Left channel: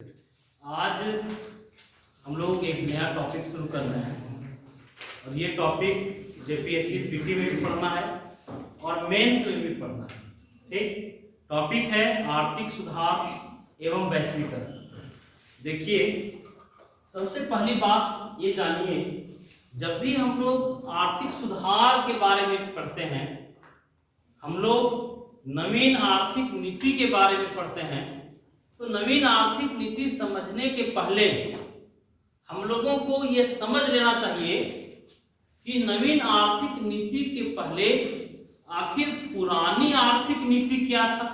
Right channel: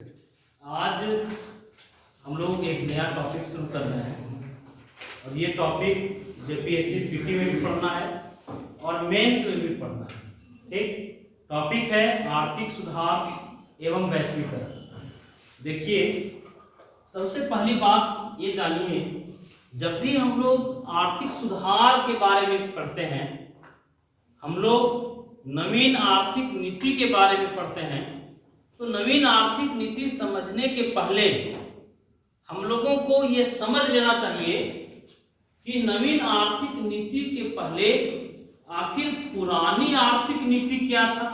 आज हम लोग एक नया टॉपिक शुरू कर रहे हैं और ये टॉपिक जेपीएससी पीटी में भी पढ़ना है और मेंस में भी पढ़ना है। ठीक, टॉपिक है आर्थिक सुधार एवं वैश्वीकरण। देखिए, सबसे पहली बात ये जानिए, जब भी हम लोग आर्थिक सुधार के बारे में पढ़ते हैं, हम लोग नवीन आर्थिक नीति के बारे में पढ़ते हैं, तो नवीन आर्थिक नीति समझने के पहले हम लोगों को ये समझ लेना चाहिए कि नवीन आर्थिक नीति के पहले आखिर पुरानी आर्थिक नीति क्या था।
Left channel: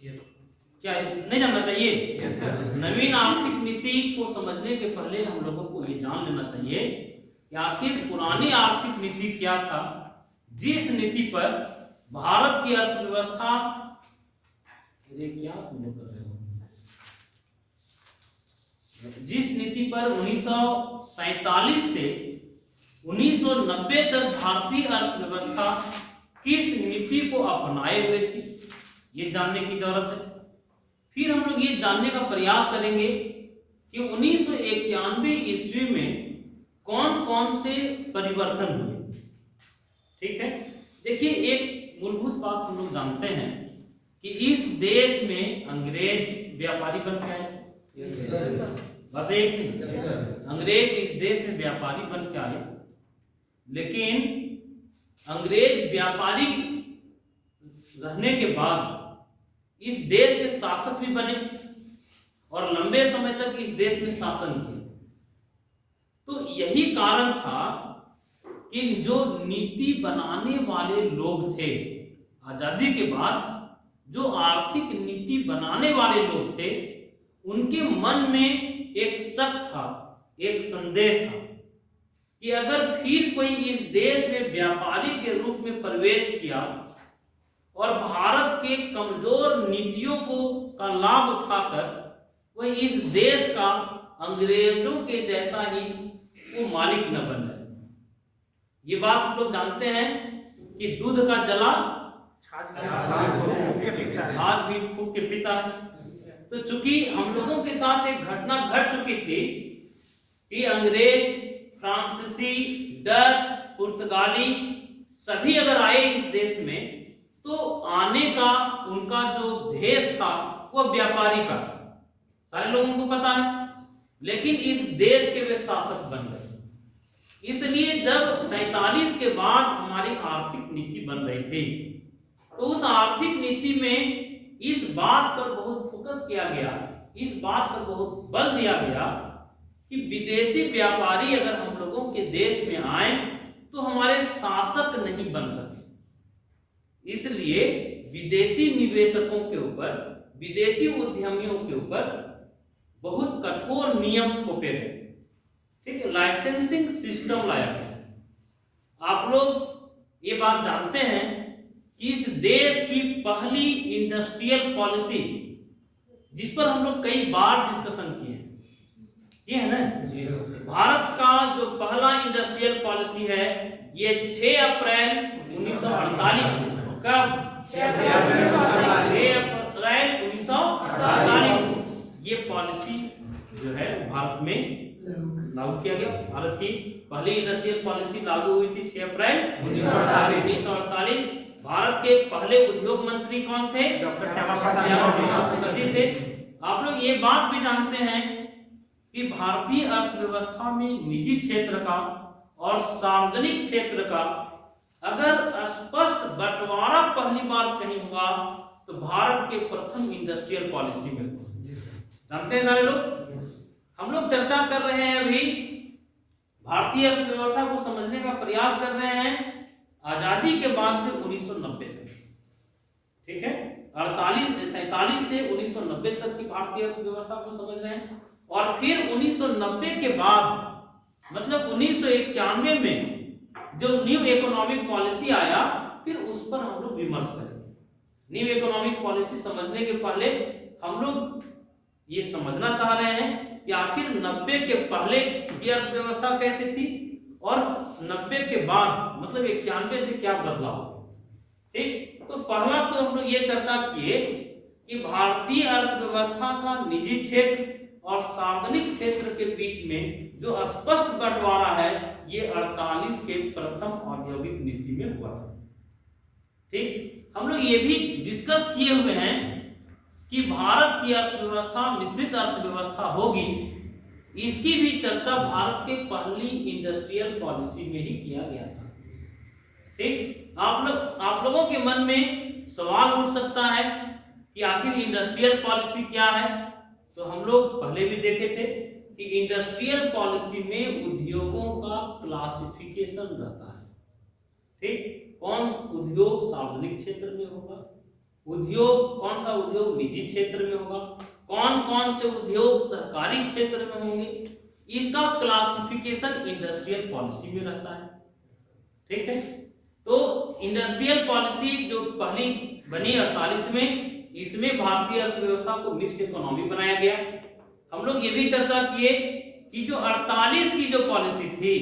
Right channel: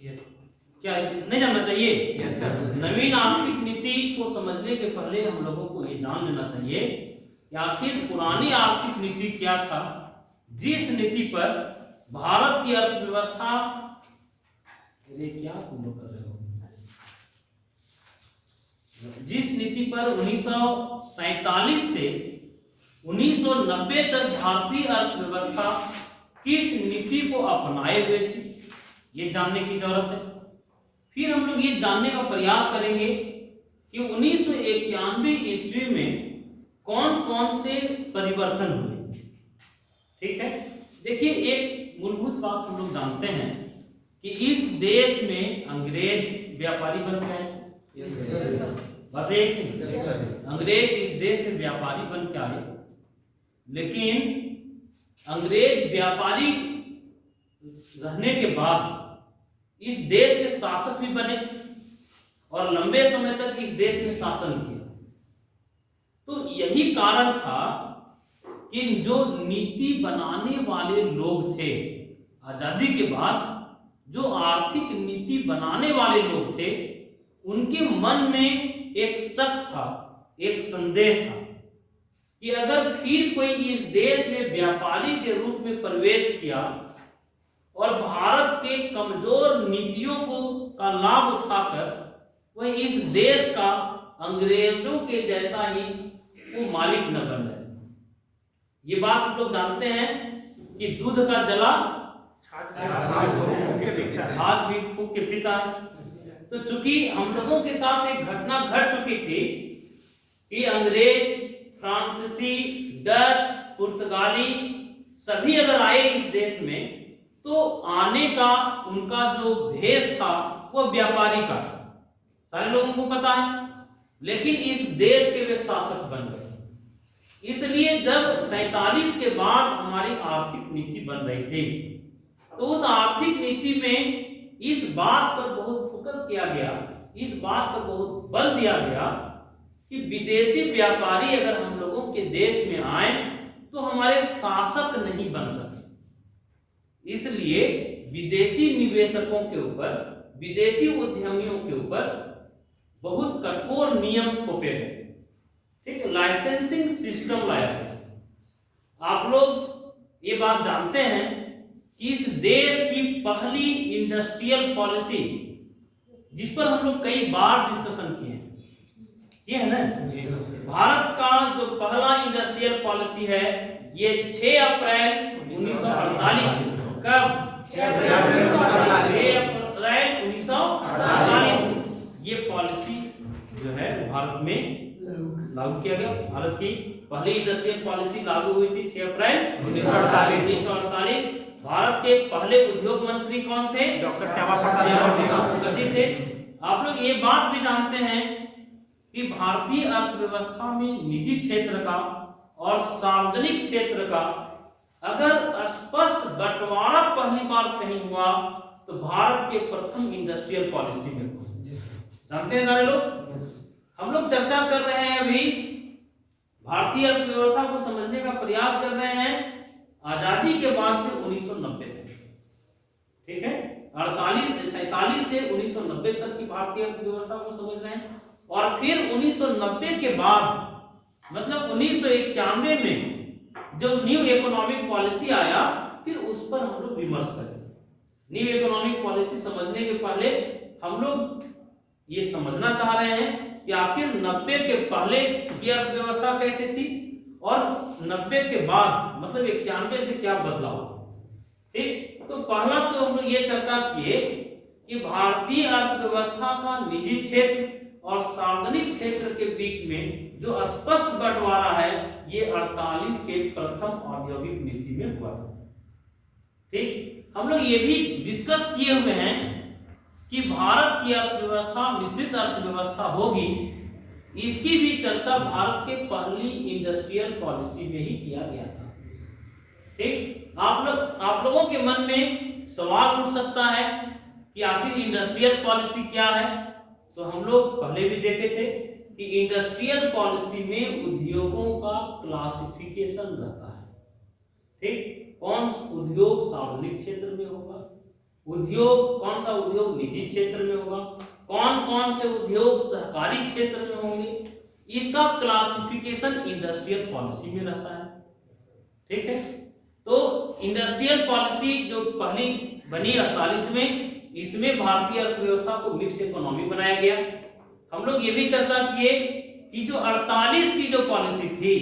क्या नहीं जानना चाहिए? Yes sir. नवीन आर्थिक नीति को समझने के पहले हम लोगों को ये जान लेना चाहिए कि आखिर पुरानी आर्थिक नीति क्या था, जिस नीति पर भारत की अर्थव्यवस्था क्या तुम लोग कर रहे हो, जिस नीति पर 1947 से 1990 तक भारतीय अर्थव्यवस्था किस नीति को अपनाए हुए थी, ये जानने की जरूरत है। फिर हम लोग ये जानने का प्रयास करेंगे कि 1991 ईस्वी में कौन कौन से परिवर्तन हुए। ठीक है, देखिए, एक मूलभूत बात हम लोग जानते हैं कि इस देश में अंग्रेज व्यापारी बन के आए। बस एक नहीं, अंग्रेज इस देश में व्यापारी बन के आए, लेकिन अंग्रेज व्यापारी रहने के बाद इस देश के शासक भी बने और लंबे समय तक इस देश में शासन किया। तो यही कारण था कि जो नीति बनाने वाले लोग थे, आजादी के बाद जो आर्थिक नीति बनाने वाले लोग थे, उनके मन में एक शक था, एक संदेह था कि अगर फिर कोई इस देश में व्यापारी के रूप में प्रवेश किया और भारत के कमजोर नीतियों का लाभ उठाकर वह इस देश का अंग्रेजों के जैसा ही वो मालिक न बन जाए। ये बात हम लोग जानते हैं कि दूध का जला आज भी फूंक के पीता है। तो चूंकि हम लोगों के साथ एक घटना घट चुकी थी कि अंग्रेज, फ्रांसीसी, डच, पुर्तगाली सभी अगर आए इस देश में, तो आने का उनका जो भेष था वो व्यापारी का था, सारे लोगों को पता है। लेकिन इस देश के वे शासक बन गए। इसलिए जब 47 के बाद हमारी आर्थिक नीति बन रही थी, तो उस आर्थिक नीति में इस बात पर बहुत फोकस किया गया, इस बात पर बहुत बल दिया गया कि विदेशी व्यापारी अगर हम लोगों के देश में आए तो हमारे शासक नहीं बन सके। इसलिए विदेशी निवेशकों के ऊपर, विदेशी उद्यमियों के ऊपर बहुत कठोर नियम थोपे गए। ठीक है, लाइसेंसिंग सिस्टम लाया गया। आप लोग ये बात जानते हैं कि इस देश की पहली इंडस्ट्रियल पॉलिसी, जिस पर हम लोग कई बार डिस्कशन किए हैं, ये है ना, भारत का जो पहला इंडस्ट्रियल पॉलिसी है, ये 6 अप्रैल 1948 कब 6 अप्रैल 1948 ये पॉलिसी जो है भारत में लागू किया गया। भारत की पहली इंडस्ट्रियल पॉलिसी लागू हुई थी 6 अप्रैल 1948। भारत के पहले उद्योग मंत्री कौन थे? डॉक्टर श्यामा प्रसाद मुखर्जी थे। आप लोग ये बात भी जानते हैं कि भारतीय अर्थव्यवस्था में निजी क्षेत्र का और सार्वजनिक क्षेत्र का अगर स्पष्ट बंटवारा पहली बार कहीं हुआ तो भारत के प्रथम इंडस्ट्रियल पॉलिसी में। जानते हैं सारे लोग? हम लोग चर्चा कर रहे हैं, अभी भारतीय अर्थव्यवस्था को समझने का प्रयास कर रहे हैं आजादी के बाद से 1990 तक। ठीक है, 47 से 1990 तक की भारतीय अर्थव्यवस्था को समझ रहे हैं, और फिर 1990 के बाद मतलब 1991 में जब न्यू इकोनॉमिक पॉलिसी आया, फिर उस पर हम लोग विमर्श करें। न्यू इकोनॉमिक पॉलिसी समझने के पहले हम लोग ये समझना चाह रहे हैं कि आखिर 90 के पहले की अर्थव्यवस्था कैसी थी और 90 के बाद मतलब 91 से क्या बदलाव। ठीक, तो पहला तो हम लोग ये चर्चा किए कि भारतीय अर्थव्यवस्था का निजी क्षेत्र और सार्वजनिक क्षेत्र के बीच में जो स्पष्ट बंटवारा है ये 48 के प्रथम औद्योगिक नीति में हुआ था। ठीक, हम लोग ये भी डिस्कस किए हुए हैं कि भारत की अर्थव्यवस्था मिश्रित अर्थव्यवस्था होगी, इसकी भी चर्चा भारत के पहली इंडस्ट्रियल पॉलिसी में ही किया गया था। ठीक, आप लोगों के मन में सवाल उठ सकता है कि आखिर इंडस्ट्रियल पॉलिसी क्या है। तो हम लोग पहले भी देखे थे कि इंडस्ट्रियल पॉलिसी में उद्योगों का क्लासिफिकेशन रहता है। ठीक, कौन सा उद्योग सार्वजनिक क्षेत्र में होगा, उद्योग कौन सा उद्योग निजी क्षेत्र में होगा, कौन कौन से उद्योग सरकारी क्षेत्र में होंगे, इसका क्लासिफिकेशन इंडस्ट्रियल पॉलिसी में रहता है। ठीक है, तो इंडस्ट्रियल पॉलिसी जो पहली बनी 48 में, इसमें भारतीय अर्थव्यवस्था को मिक्स्ड इकोनॉमी बनाया गया। हम लोग ये भी चर्चा किए कि जो 48 की जो पॉलिसी थी,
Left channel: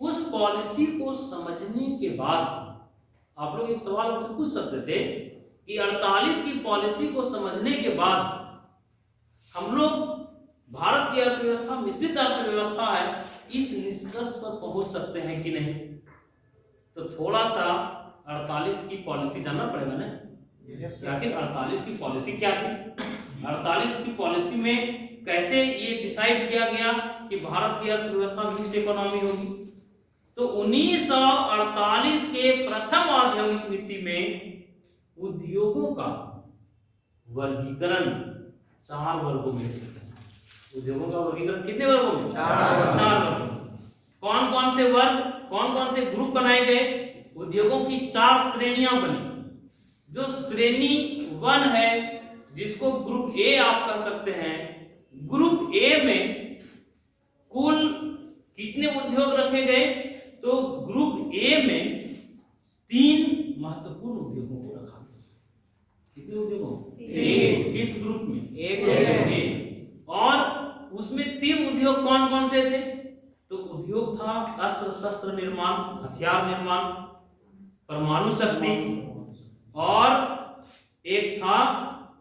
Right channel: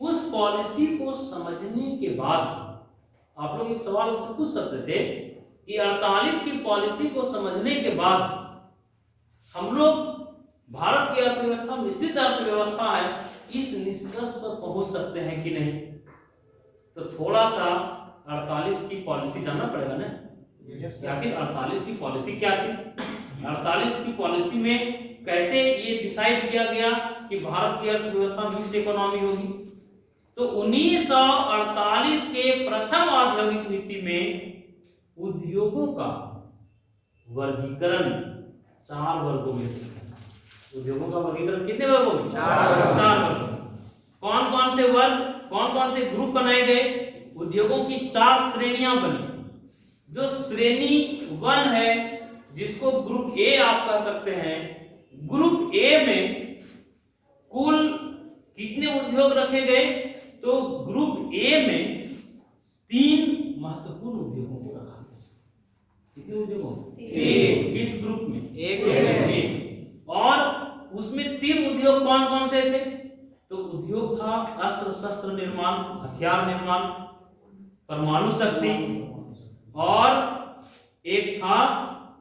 उस पॉलिसी को समझने के बाद आप लोग एक सवाल पूछ सकते थे कि 48 की पॉलिसी को समझने के बाद हम लोग भारत की अर्थव्यवस्था मिश्रित अर्थव्यवस्था है, इस निष्कर्ष पर पहुंच सकते हैं कि नहीं। तो थोड़ा सा 48 की पॉलिसी जानना पड़ेगा ना, आखिर 48 की पॉलिसी क्या थी। 48 की पॉलिसी में कैसे ये डिसाइड किया गया कि भारत की अर्थव्यवस्था मिक्स्ड इकोनॉमी होगी। तो 1948 के प्रथम औद्योगिक नीति में उद्योगों का वर्गीकरण 4 वर्गों में किया। उद्योगों का वर्गीकरण कितने वर्गों में? 4 वर्गों में। कौन कौन से वर्ग, कौन कौन से ग्रुप बनाए गए? उद्योगों की 4 श्रेणियां बनी। जो श्रेणी 1 है, जिसको ग्रुप ए आप कह सकते हैं, ग्रुप ए में कुल कितने उद्योग रखे गए? तो ग्रुप ए में 3 महत्वपूर्ण उद्योगों को रखा गया। कितने उद्योगों? 3। इस ग्रुप में एक ग्रुप, और उसमें 3 उद्योग कौन कौन से थे? तो उद्योग था अस्त्र शस्त्र निर्माण, हथियार निर्माण, परमाणु शक्ति, और एक था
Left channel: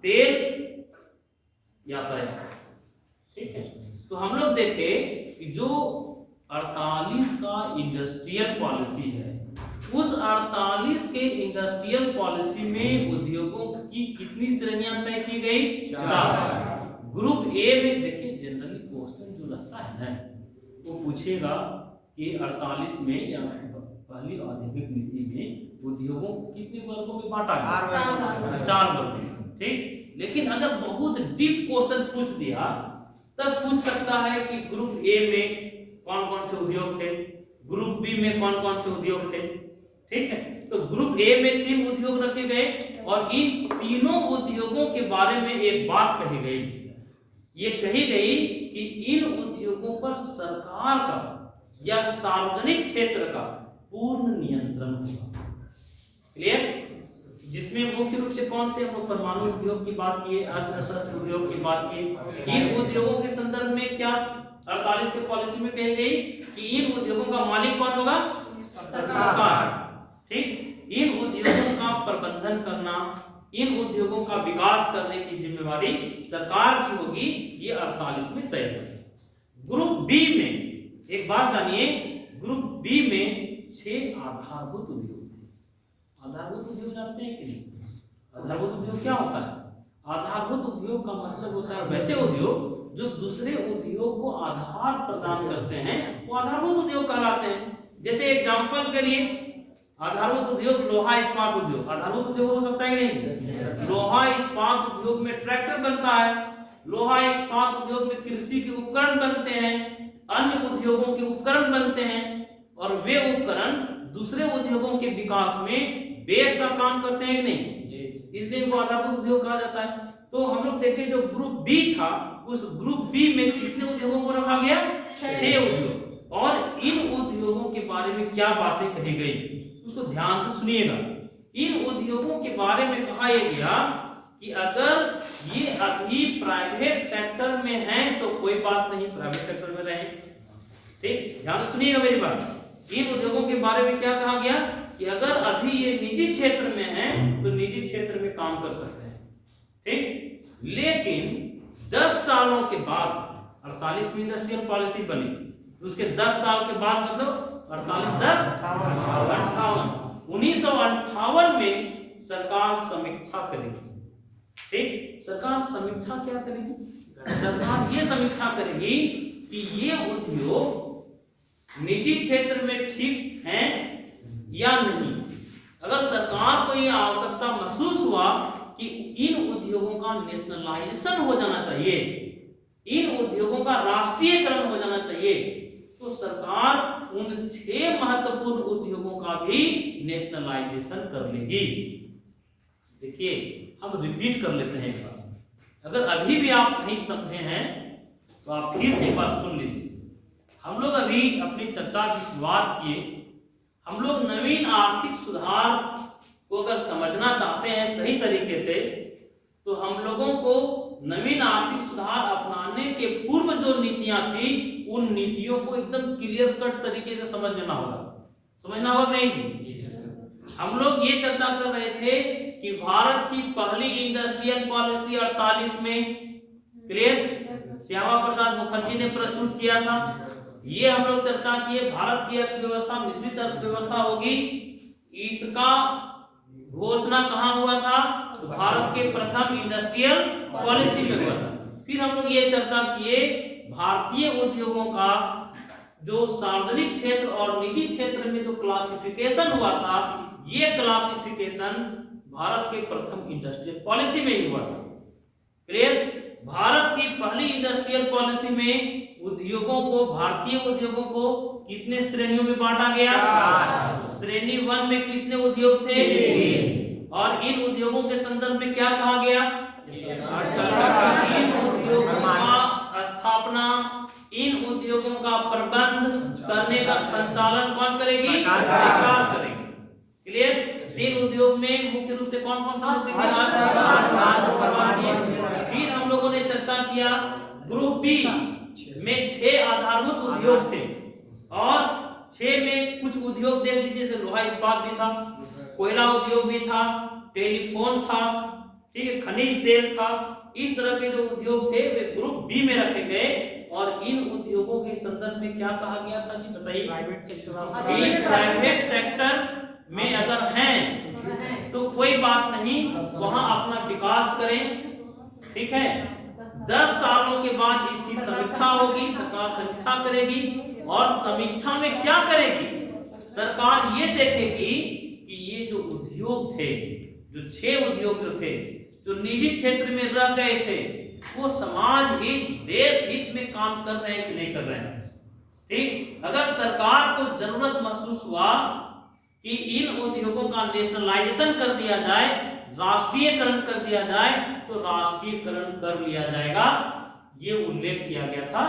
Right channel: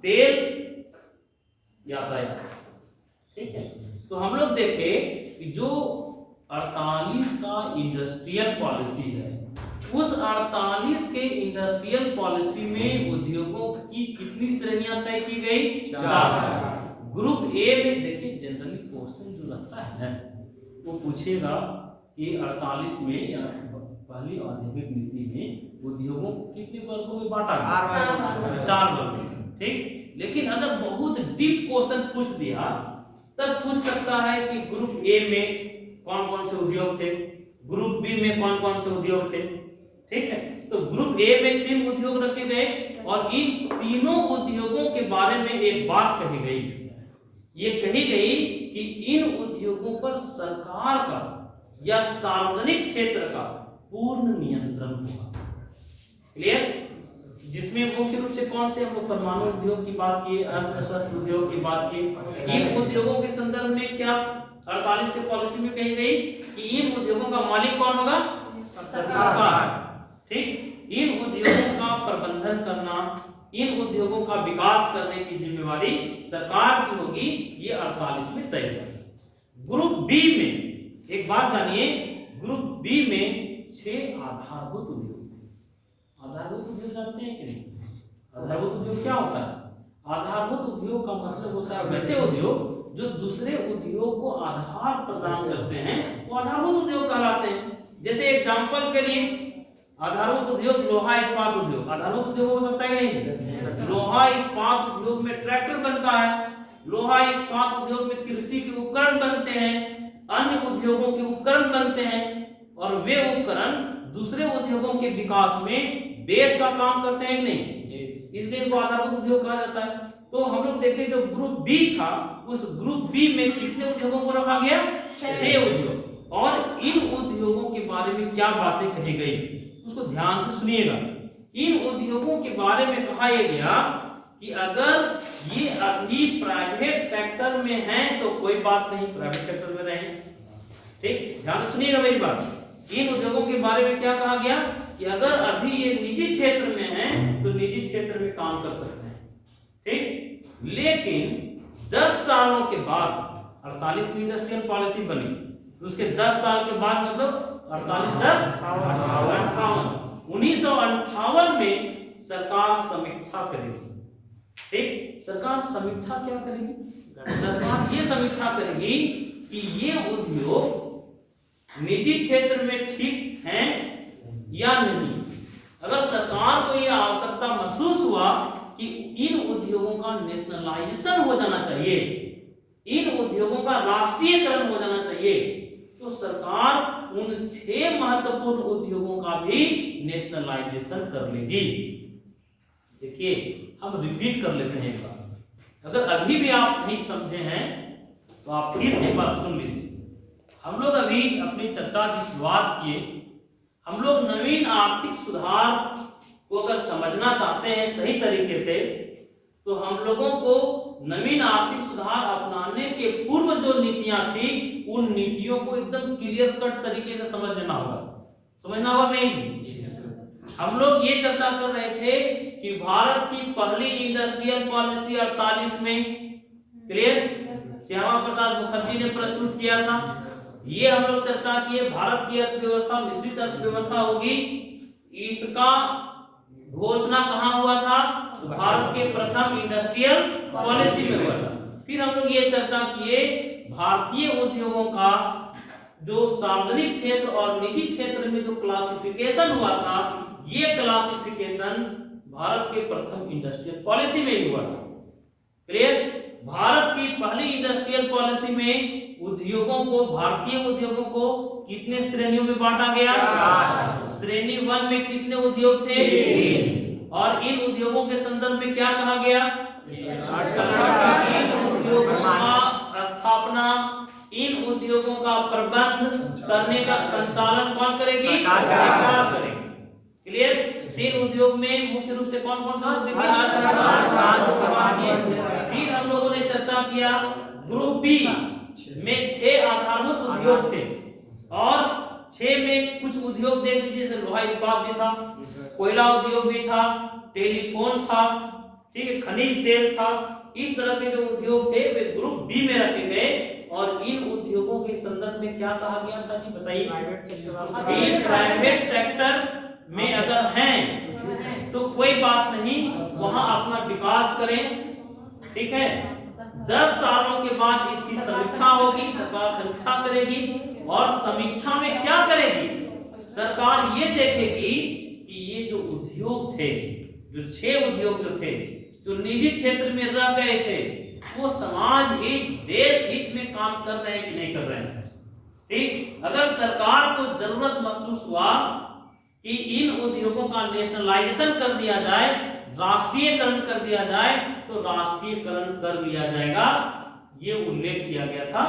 तेल यातायात। ठीक है, तो हम लोग देखे कि जो 48 का इंडस्ट्रियल पॉलिसी है, उस 48 के इंडस्ट्रियल पॉलिसी में उद्योगों की कितनी श्रेणियां तय की गई? 4। ग्रुप ए में देखिए, जनरली क्वेश्चन जो रहता है ना, वो पूछेगा कि 48 में या पहली औद्योगिक नीति में उद्योगों को कितने वर्गों में बांटा गया? 4 वर्ग में। ठीक, लेकिन अगर बहुत डीप क्वेश्चन पूछ दिया तब पूछ सकता है कि ग्रुप ए में कौन कौन से उद्योग थे, ग्रुप बी में कौन कौन से उद्योग थे। ठीक है, तो ग्रुप ए में 3 उद्योग रखे गए, और इन तीनों उद्योगों के बारे में एक बात कही गई। ये कही गई कि इन उद्योगों पर सरकार का या सार्वजनिक क्षेत्र का पूर्ण नियंत्रण होगा। क्लियर? जिसमें मुख्य रूप से कौन से? हम परमाणु उद्योग की बात किए, अस्त्र शस्त्र उद्योग की बात किए। इन उद्योगों के संदर्भ में क्या 48 की पॉलिसी में कही गई कि इन उद्योगों का मालिक कौन होगा? सरकार। ठीक, इन उद्योगों का प्रबंधन करना, इन उद्योगों का विकास करने की जिम्मेवारी सरकार की होगी, ये 48 में तय है। ग्रुप बी में एक बात जानिए, ग्रुप बी में 6 आधारभूत उद्योग। आधारभूत उद्योग जानते हैं कि नहीं? आधारभूत उद्योग क्या होता है? आधारभूत उद्योग का मतलब होता है वैसे उद्योग जो दूसरे उद्योग को आधार प्रदान करते हैं, वो आधारभूत उद्योग कहलाते हैं। जैसे एग्जांपल के लिए, आधारभूत उद्योग लोहा इस्पात उद्योग आधारभूत उद्योग हो सकता है नहीं? लोहा इस्पात उद्योग में ट्रैक्टर बनता है, लोहा इस्पात उद्योग में कृषि के उपकरण बनते हैं, अन्य उद्योगों के उपकरण बनते हैं, और वे उपकरण दूसरे उद्योगों के विकास में बेस का काम करते हैं कि नहीं? इसलिए इनको आधारभूत उद्योग कहा जाता है। तो हम लोग देखें जो ग्रुप बी था, उस ग्रुप बी में कितने उद्योगों को रखा गया? 6 उद्योग। और इन उद्योगों के बारे में क्या बातें कही गई, उसको ध्यान से सुनिएगा। इन उद्योगों के बारे में कहा यह गया कि अगर ये अभी प्राइवेट सेक्टर में हैं तो कोई बात नहीं, प्राइवेट सेक्टर में रहें। ठीक, ध्यान सुनिएगा मेरी बात। इन उद्योगों के बारे में क्या कहा गया कि अगर अभी ये निजी क्षेत्र में हैं तो निजी क्षेत्र में काम कर सकते हैं। ठीक, लेकिन 10 सालों के बाद 48 में इंडस्ट्रियल पॉलिसी बनी, तो उसके 10 साल के बाद मतलब 48 10 58 1958 में सरकार समीक्षा करेगी। ठीक, सरकार समीक्षा क्या करेगी? सरकार ये समीक्षा करेगी कि ये उद्योग निजी क्षेत्र में ठीक हैं या नहीं। अगर सरकार को यह आवश्यकता महसूस हुआ कि इन उद्योगों का नेशनलाइजेशन हो जाना चाहिए, इन उद्योगों का राष्ट्रीयकरण हो जाना चाहिए, तो सरकार उन 6 महत्वपूर्ण उद्योगों का भी नेशनलाइजेशन कर लेगी। देखिए, हम रिपीट कर लेते हैं एक बार, अगर अभी भी आप नहीं समझे हैं तो आप फिर से एक बार सुन लीजिए। हम लोग अभी अपनी चर्चा की शुरुआत किए, हम लोग नवीन आर्थिक सुधार को अगर समझना चाहते हैं सही तरीके से, तो हम लोगों को नवीन आर्थिक सुधार अपनाने के पूर्व जो नीतियां थी, उन नीतियों को एकदम क्लियर कट तरीके से समझ लेना होगा। समझना होगा नहीं जी? हम लोग ये चर्चा कर रहे थे कि भारत की पहली इंडस्ट्रियल पॉलिसी 48 में, क्लियर, श्यामा प्रसाद मुखर्जी ने प्रस्तुत किया था। ये हम लोग चर्चा किए, भारत की अर्थव्यवस्था मिश्रित अर्थव्यवस्था होगी, इसका घोषणा कहाँ हुआ था? तो भारत के प्रथम इंडस्ट्रियल पॉलिसी में हुआ था। फिर हम लोग ये चर्चा किए भारतीय उद्योगों का जो सार्वजनिक क्षेत्र और निजी क्षेत्र में जो क्लासिफिकेशन हुआ था, ये क्लासिफिकेशन भारत के प्रथम इंडस्ट्रियल पॉलिसी में ही हुआ था। क्लियर? भारत की पहली इंडस्ट्रियल पॉलिसी में उद्योगों को, भारतीय उद्योगों को कितने श्रेणियों में बांटा गया? 4। श्रेणी 1 में कितने उद्योग थे? 3। और इन उद्योगों के संदर्भ में क्या कहा गया? इन उद्योगों का स्थापना, इन उद्योगों का प्रबंध करने का संचालन कौन करेगी? सरकार करेगी। क्लियर? इन उद्योग में मुख्य रूप से कौन कौन से मुद्दे थे? फिर हम लोगों ने चर्चा किया ग्रुप बी में 6 आधारभूत उद्योग थे, और 6 में कुछ उद्योग देख लीजिए, जैसे लोहा इस्पात भी था, कोयला उद्योग भी था, टेलीफोन था, ठीक है, खनिज तेल था। इस तरह के जो उद्योग थे वे ग्रुप बी में रखे गए, और इन उद्योगों के संदर्भ में क्या कहा गया था जी? बताइए। प्राइवेट सेक्टर में अगर हैं तो कोई बात नहीं, वहां अपना विकास करें, ठीक है। 10 सालों के बाद इसकी समीक्षा होगी, सरकार समीक्षा करेगी, और समीक्षा में क्या करेगी? सरकार ये देखेगी कि ये जो उद्योग थे, जो 6 उद्योग जो थे, जो निजी क्षेत्र में रह गए थे, वो समाज हित, देश हित में काम कर रहे हैं कि नहीं कर रहे हैं। ठीक, अगर सरकार को जरूरत महसूस हुआ कि इन उद्योगों का नेशनलाइजेशन कर दिया जाए, राष्ट्रीयकरण कर दिया जाए, तो राष्ट्रीयकरण कर लिया जाएगा। ये उल्लेख किया गया था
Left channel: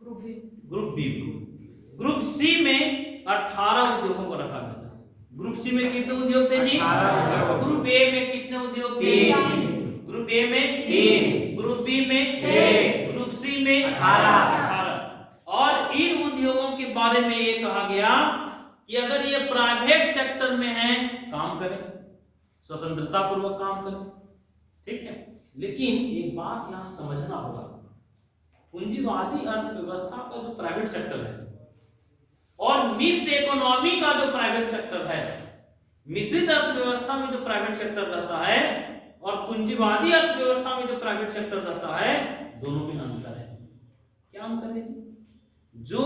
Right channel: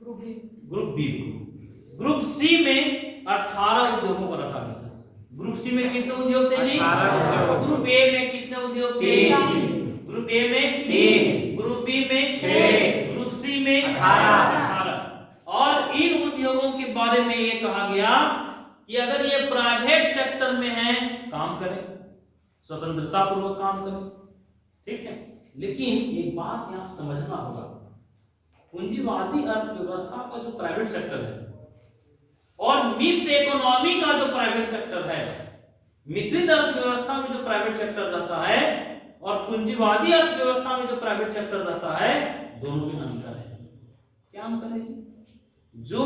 ग्रुप बी। ग्रुप सी में 18 उद्योगों को रखा गया था। ग्रुप सी में कितने उद्योग थे जी? 18। ग्रुप ए में कितने उद्योग थे? 3। ग्रुप ए में 3, ग्रुप बी में 6, ग्रुप सी में 18। और इन उद्योगों के बारे में ये कहा गया कि अगर ये प्राइवेट सेक्टर में है, काम करें, स्वतंत्रता पूर्वक काम करें, ठीक है। लेकिन एक बात यहां समझना होगा, पूंजीवादी अर्थव्यवस्था का जो प्राइवेट सेक्टर है और मिक्स्ड इकोनॉमी का जो प्राइवेट सेक्टर है, मिश्रित अर्थव्यवस्था में जो प्राइवेट सेक्टर रहता है और पूंजीवादी अर्थव्यवस्था में जो प्राइवेट सेक्टर रहता है, दोनों में अंतर है। क्या अंतर है? जो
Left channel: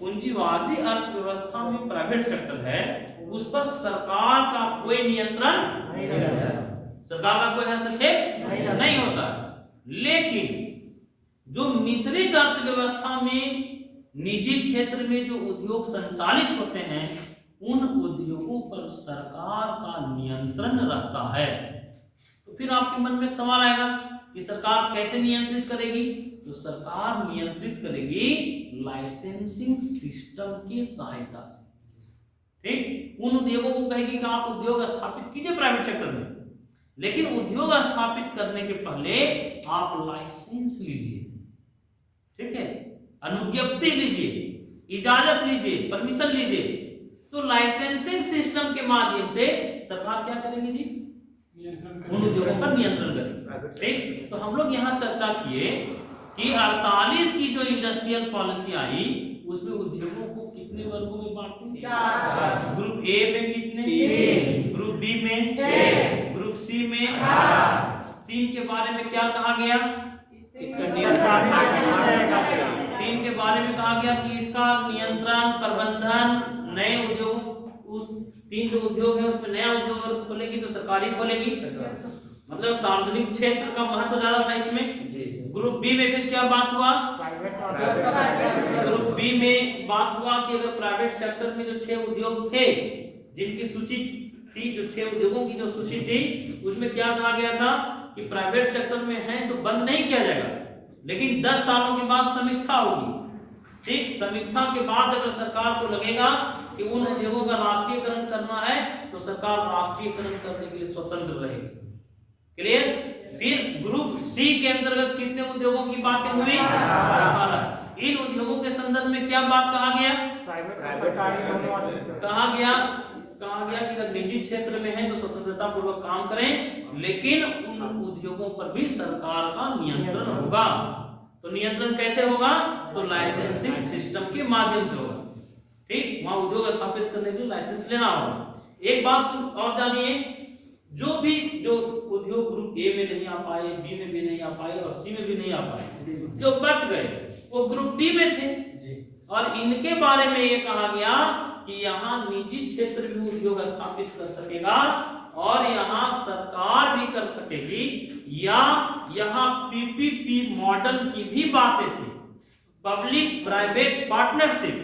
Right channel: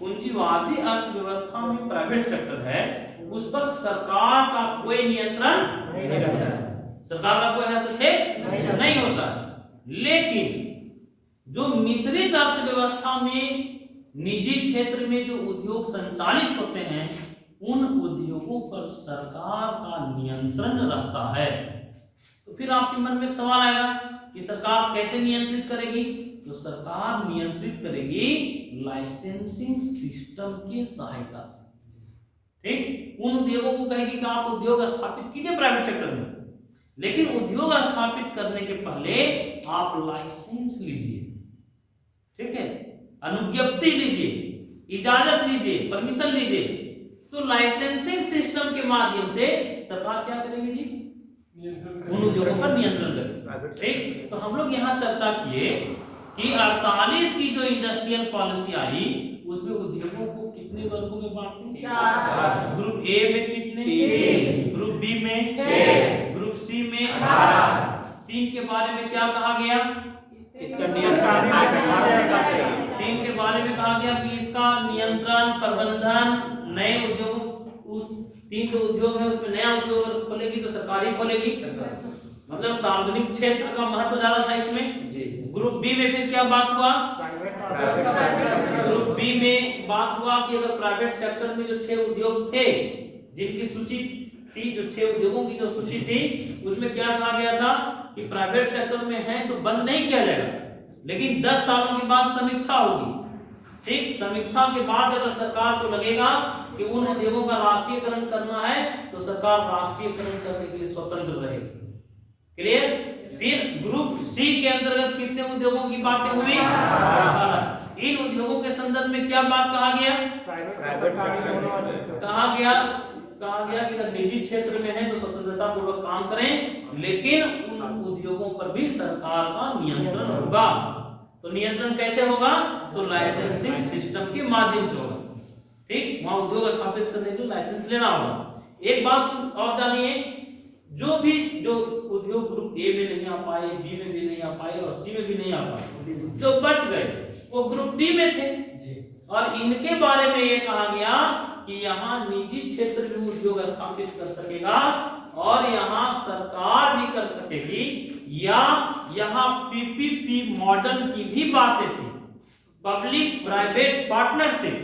पूंजीवादी अर्थव्यवस्था में प्राइवेट सेक्टर है, उस पर सरकार का कोई नियंत्रण नहीं रहता है, सरकार का कोई हस्तक्षेप नहीं होता है। लेकिन जो मिश्रित अर्थव्यवस्था में निजी क्षेत्र में जो उद्योग संचालित होते हैं, उन उद्योगों पर सरकार का नियंत्रण रहता है। तो फिर आपके मन में एक सवाल आएगा कि सरकार कैसे नियंत्रित करेगी? तो सरकार नियंत्रित करेगी लाइसेंसिंग सिस्टम की सहायता से। ठीक, उन उद्योगों को कहेगी कि आप उद्योग स्थापित कीजिए प्राइवेट सेक्टर में, लेकिन उद्योग स्थापित करने के पहले आप लाइसेंस लीजिए, ठीक है, अनुज्ञप्ति लीजिए, इजाजत लीजिए, परमिशन लीजिए। तो लाइसेंसिंग सिस्टम के माध्यम से सरकार क्या करेगी जी? उन उद्योगों पर नियंत्रण करें। ठीक, तो हम लोग यहाँ चर्चा किए कि 48 की जो इंडस्ट्रियल पॉलिसी आई उसमें उद्योगों को कितने वर्गों में बांटे? 4। ग्रुप ए में कितने? 3। ग्रुप बी में 6। ग्रुप सी में 18। 3 के बारे में क्या कहा गया? इसका नियंत्रण। 3 के बारे में कहा गया कि इसका नियंत्रण, प्रबंधन, नए उद्योग, 3 जो उद्योग है उसमें नया उद्योग खोलेगी तो सरकारी खोलेगी, मतलब सार्वजनिक क्षेत्र का महत्व ज्यादा था इसमें। ग्रुप बी में फिर क्या बात हुआ? ग्रुप बी में बात हुआ कि अगर प्राइवेट सेक्टर में जो 6 उद्योग थे जिनकी सूची थी, जो 6 उद्योगों की जो सूची थी उसमें क्या कहा गया था कि प्राइवेट सेक्टर में है तो बंद नहीं किया जाएगा, लेकिन 10 सालों के बाद समीक्षा होगी। ठीक, समीक्षा के बाद अगर सरकार को लगेगा कि उन उद्योगों का राष्ट्रीयकरण करना है तो सरकार राष्ट्रीयकरण करने के लिए स्वतंत्र रहेगी। क्लियर? फिर ग्रुप सी के अंतर्गत कितने उद्योगों की बातें हुई? 18। इन उद्योगों के संदर्भ में क्या बात कहा गया? कहा गया कि अगर निजी क्षेत्र में है तो स्वतंत्रता पूर्वक काम करें, लेकिन उन उद्योगों पर भी सरकार का नियंत्रण होगा। तो नियंत्रण कैसे होगा? तो लाइसेंसिंग सिस्टम के माध्यम से होगा। ठीक, वहां उद्योग स्थापित करने के लिए लाइसेंस लेना होगा। एक बात और जानिए, जो उद्योग ग्रुप ए में नहीं आ पाए, बी में भी नहीं आ पाए और सी में भी नहीं आ पाए, जो बच गए वो ग्रुप डी में थे और इनके बारे में ये कहा गया कि यहाँ निजी क्षेत्र भी उद्योग स्थापित कर सकेगा और यहाँ सरकार भी कर सकेगी, या यहाँ पीपीपी मॉडल की भी बातें थी, पब्लिक प्राइवेट पार्टनरशिप,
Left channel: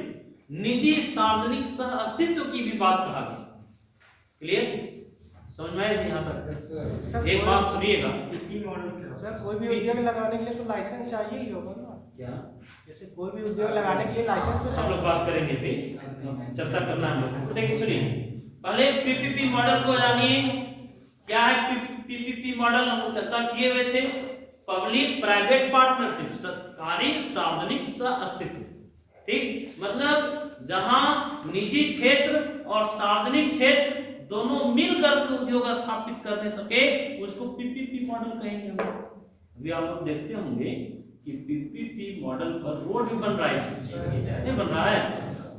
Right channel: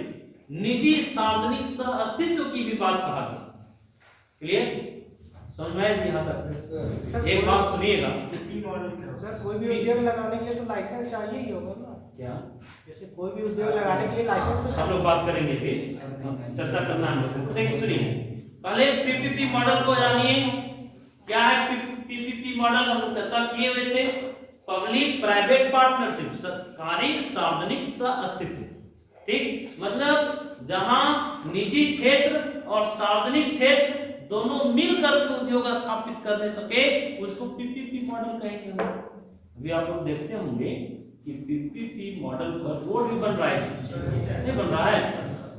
निजी सार्वजनिक सह अस्तित्व की भी बात कहा गया। क्लियर? समझ में आया? यहाँ तक एक बात सुनिएगा, सर कोई भी उद्योग लगाने के लिए तो लाइसेंस चाहिए ही होगा ना? क्या जैसे कोई भी उद्योग लगाने के लिए लाइसेंस तो हम लोग बात करेंगे, चर्चा करना है। देखिए सुनिए, पहले पीपीपी मॉडल को जानिए। क्या है पीपीपी मॉडल? हम लोग चर्चा किए हुए थे, पब्लिक प्राइवेट पार्टनरशिप, सरकारी सार्वजनिक सह अस्तित्व। ठीक, मतलब जहां निजी क्षेत्र और सार्वजनिक क्षेत्र दोनों मिलकर के उद्योग स्थापित करने सके उसको पीपीपी मॉडल कहेंगे। अभी आप लोग देखते होंगे कि पीपीपी मॉडल पर रोड भी बन रहा है, नहीं बन रहा है?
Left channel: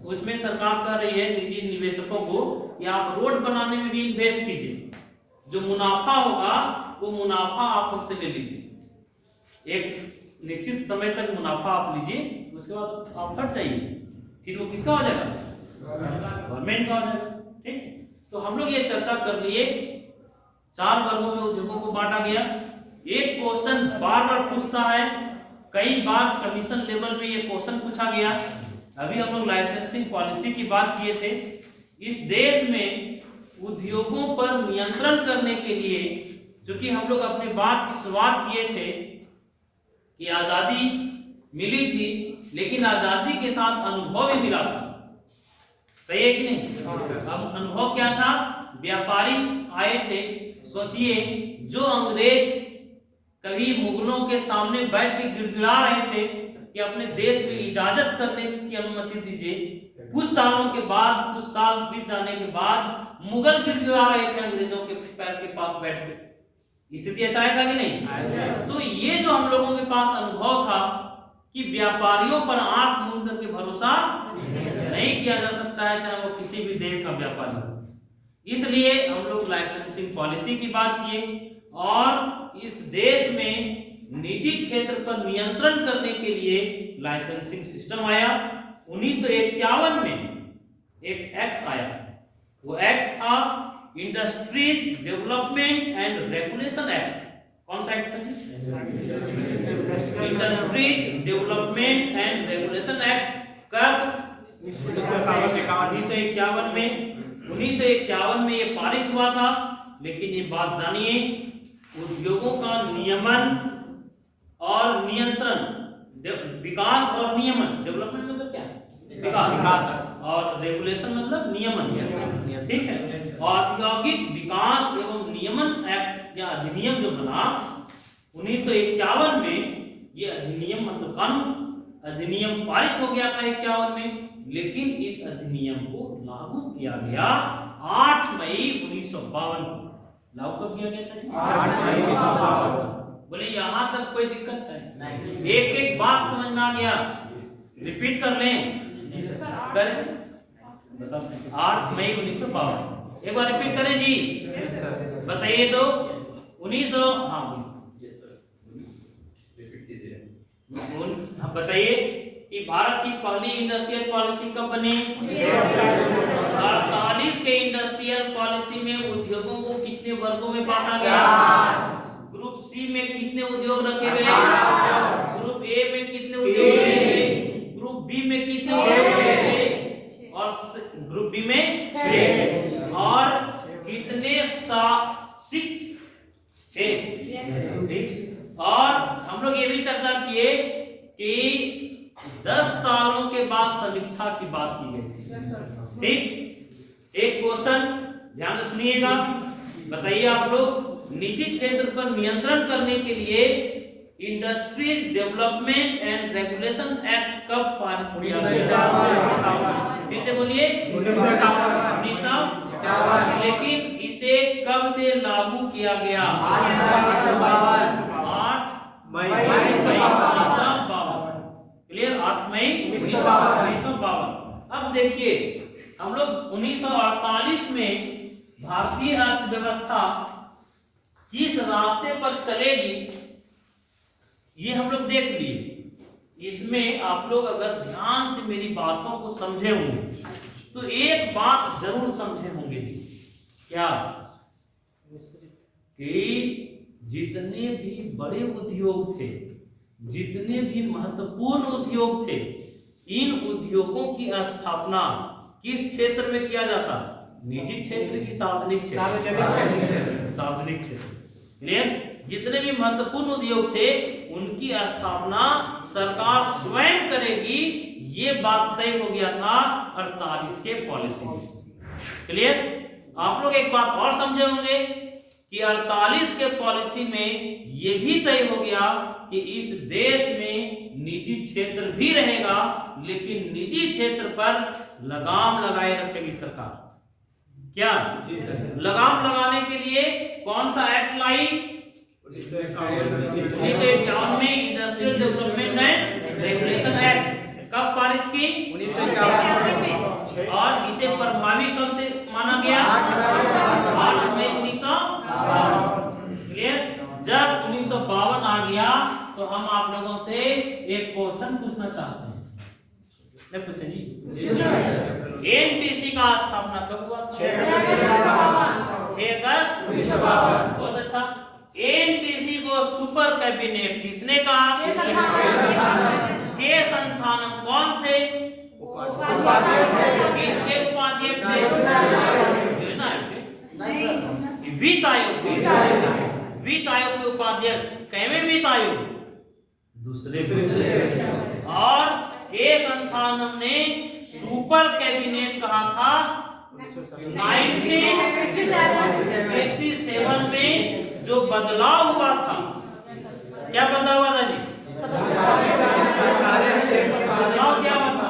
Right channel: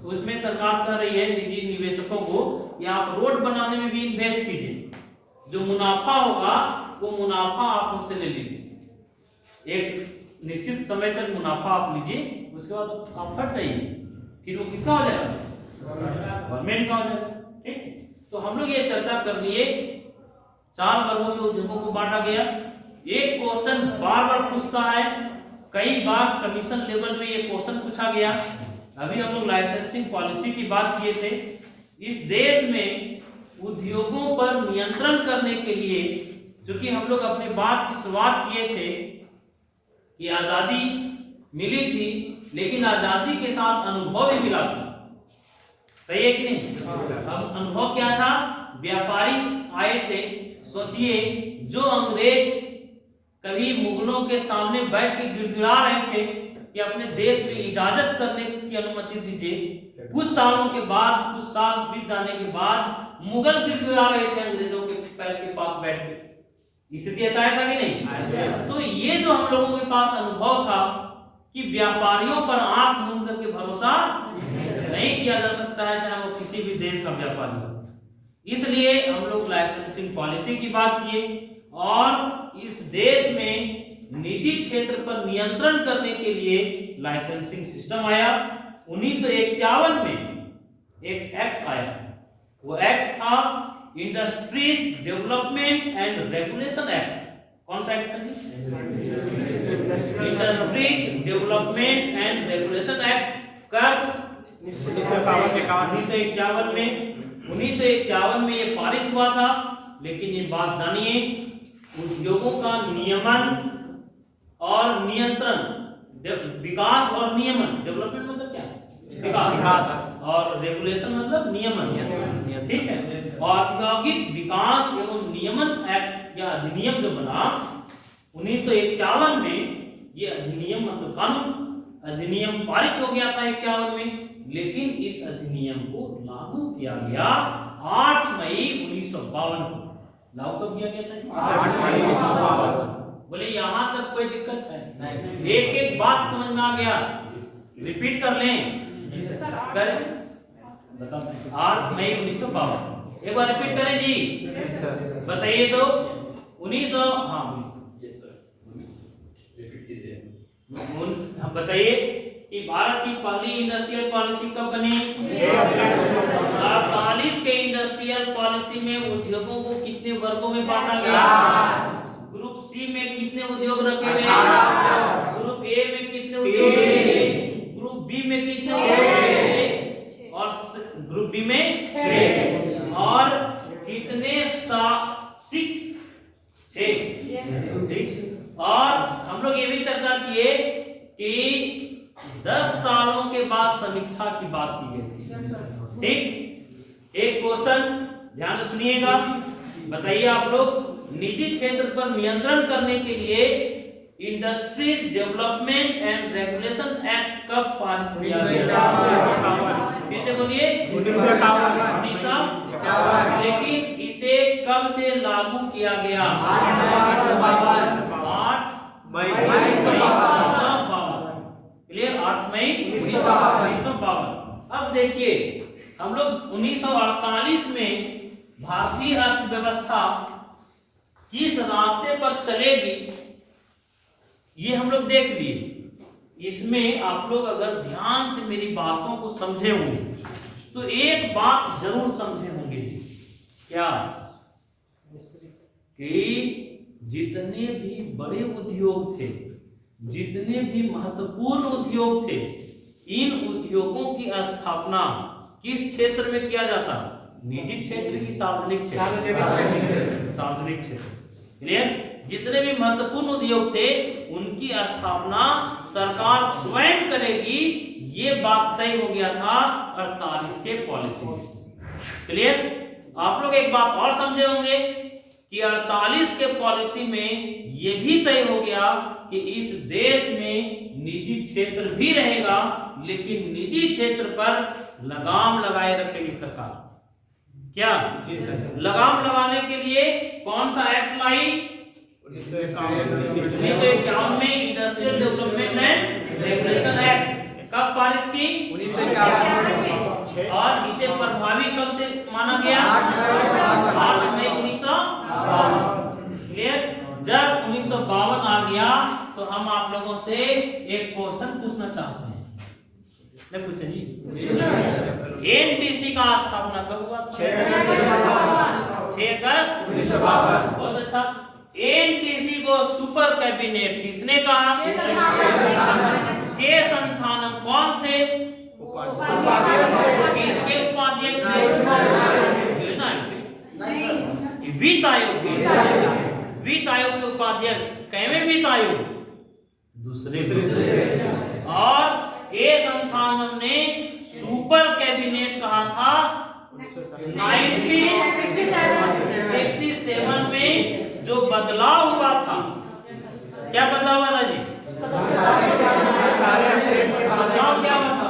उसमें सरकार कह रही है निजी निवेशकों को कि आप रोड बनाने में भी इन्वेस्ट कीजिए, जो मुनाफा होगा वो मुनाफा आप हमसे ले लीजिए, एक निश्चित समय तक मुनाफा आप लीजिए, उसके बाद आप हट जाइए, फिर वो किसका हो जाएगा? गवर्नमेंट का हो जाएगा। ठीक, तो हम लोग ये चर्चा कर लिए, 4 वर्गों में उद्योगों को बांटा गया। एक क्वेश्चन बार बार पूछता है, कई बार कमीशन लेवल में ये क्वेश्चन पूछा गया। अभी हम लोग लाइसेंसिंग पॉलिसी की बात किए थे। इस देश में उद्योगों पर नियंत्रण करने के लिए, क्योंकि हम लोग अपनी बात की शुरुआत किए थे कि आजादी मिली थी, लेकिन आजादी के साथ अनुभव भी मिला था। सही है कि नहीं? अब अनुभव क्या था? व्यापारी आए थे। सोचिए, जो अंग्रेज कभी मुगलों के सामने बैठ के गिड़गिड़ा रहे थे कि अपने देश में इजाजत करने की अनुमति दीजिए, कुछ सालों के बाद, कुछ साल बीत जाने के बाद मुगल गिड़गिड़ा रहे थे अंग्रेजों के पैर के पास बैठ के। स्थिति ऐसा है था कि नहीं? तो ये जो हम लोगों के पास अनुभव था कि व्यापारियों पर आंख मूंद करके भरोसा नहीं किया जा सकता है, चाहे वो किसी भी देश का व्यापारी हो। इसलिए हम लोग लाइसेंसिंग पॉलिसी की बात किए और इस देश में निजी क्षेत्र पर नियंत्रण करने के लिए लाइसेंसिंग सिस्टम आया। 1951 में एक एक्ट आया, वो एक्ट था industries development and regulation act. कौन सा एक्ट था? Industries development and regulation act. कब? 1951 में। 1951 में ये पारित हुआ था। लेकिन ये बात जानिए, उद्योगों का नियमन और नियंत्रण, विकास और नियमन, डेवलपमेंट मतलब क्या है? विकास, और रेगुलेशन मतलब नियमन। ठीक है, औद्योगिक विकास एवं नियमन एक्ट या अधिनियम जो बना 1951 में, ये अधिनियम मतलब कानून अधिनियम पारित हो गया था 51 में। लेकिन इस अधिनियम को लागू किया गया 8 मई 1952 को। लागू कब किया गया था? 8 मई 1952। बोले यहाँ तक कोई दिक्कत है? एक एक बात समझ में आ गया? रिपीट कर लें? करें? 8 मई 1952। एक बार रिपीट करें जी। बताइए तो 1900। हाँ हम बताइए कि भारत की पहली इंडस्ट्रियल पॉलिसी कब बनी? 48 के इंडस्ट्रियल पॉलिसी में उद्योगों को कितने वर्गों में बांटा गया? ग्रुप सी में कितने उद्योग रखे गए? ग्रुप ए में कितने उद्योग रखे गए? ग्रुप बी में कितने उद्योग रखे गए? और ग्रुप बी में 6। और कितने 6? और हम लोग ये भी चर्चा किए कि 10 सालों के बाद समीक्षा की बात की गई थी। ठीक, एक क्वेश्चन ध्यान से सुनिएगा, बताइए आप लोग, निजी क्षेत्र पर नियंत्रण करने के लिए industry development and regulation act कब पारित किया गया? फिर से बोलिए। 1951। लेकिन इसे कब से लागू किया गया? 8 मई 1952। क्लियर? 8 मई 1952। अब देखिए हम लोग 1948 में भारतीय अर्थव्यवस्था किस रास्ते पर चलेगी ये हम लोग देख लिए। इसमें आप लोग अगर ध्यान से मेरी बातों को समझे होंगे तो एक बात जरूर समझे होंगे जी। क्या? कि जितने भी बड़े उद्योग थे, जितने भी महत्वपूर्ण उद्योग थे, इन उद्योगों की स्थापना किस क्षेत्र में किया जाता? निजी क्षेत्र की सार्वजनिक क्षेत्र? सार्वजनिक क्षेत्र। क्लियर? जितने भी महत्वपूर्ण उद्योग थे उनकी स्थापना सरकार स्वयं करेगी, ये बात तय हो गया था 48 के पॉलिसी में। क्लियर? आप लोग एक बात और समझे होंगे कि 48 के पॉलिसी में ये भी तय हो गया कि इस देश में निजी क्षेत्र भी रहेगा, लेकिन निजी क्षेत्र पर लगाम लगाए रखेगी सरकार। क्या? लगाम लगाने के लिए कौन सा एक्ट लाई? 1951 में industrial development and regulation act. कब पारित की? 1951। और इसे प्रभावी कब से माना गया? 8 मई 1952। क्लियर? जब 1952 आ गया तो हम आप लोगों से एक क्वेश्चन पूछना चाहते हैं। मैं पूछे जी, एनटीसी का स्थापना कब हुआ? 6 अगस्त 1952। बहुत अच्छा। एनटीसी को सुपर कैबिनेट किसने कहा? के संस्थानम कौन थे? किसके उपाध्यक्ष थे? योजना आयोग के? वित्त आयोग के? वित्त आयोग के उपाध्यक्ष कैवे वित्त आयोग? दूसरे। और के संस्थानम ने सुपर कैबिनेट कहा था 1967 में। जो बदलाव हुआ था, क्या बदलाव हुआ था जी? बदलाव क्या हुआ था?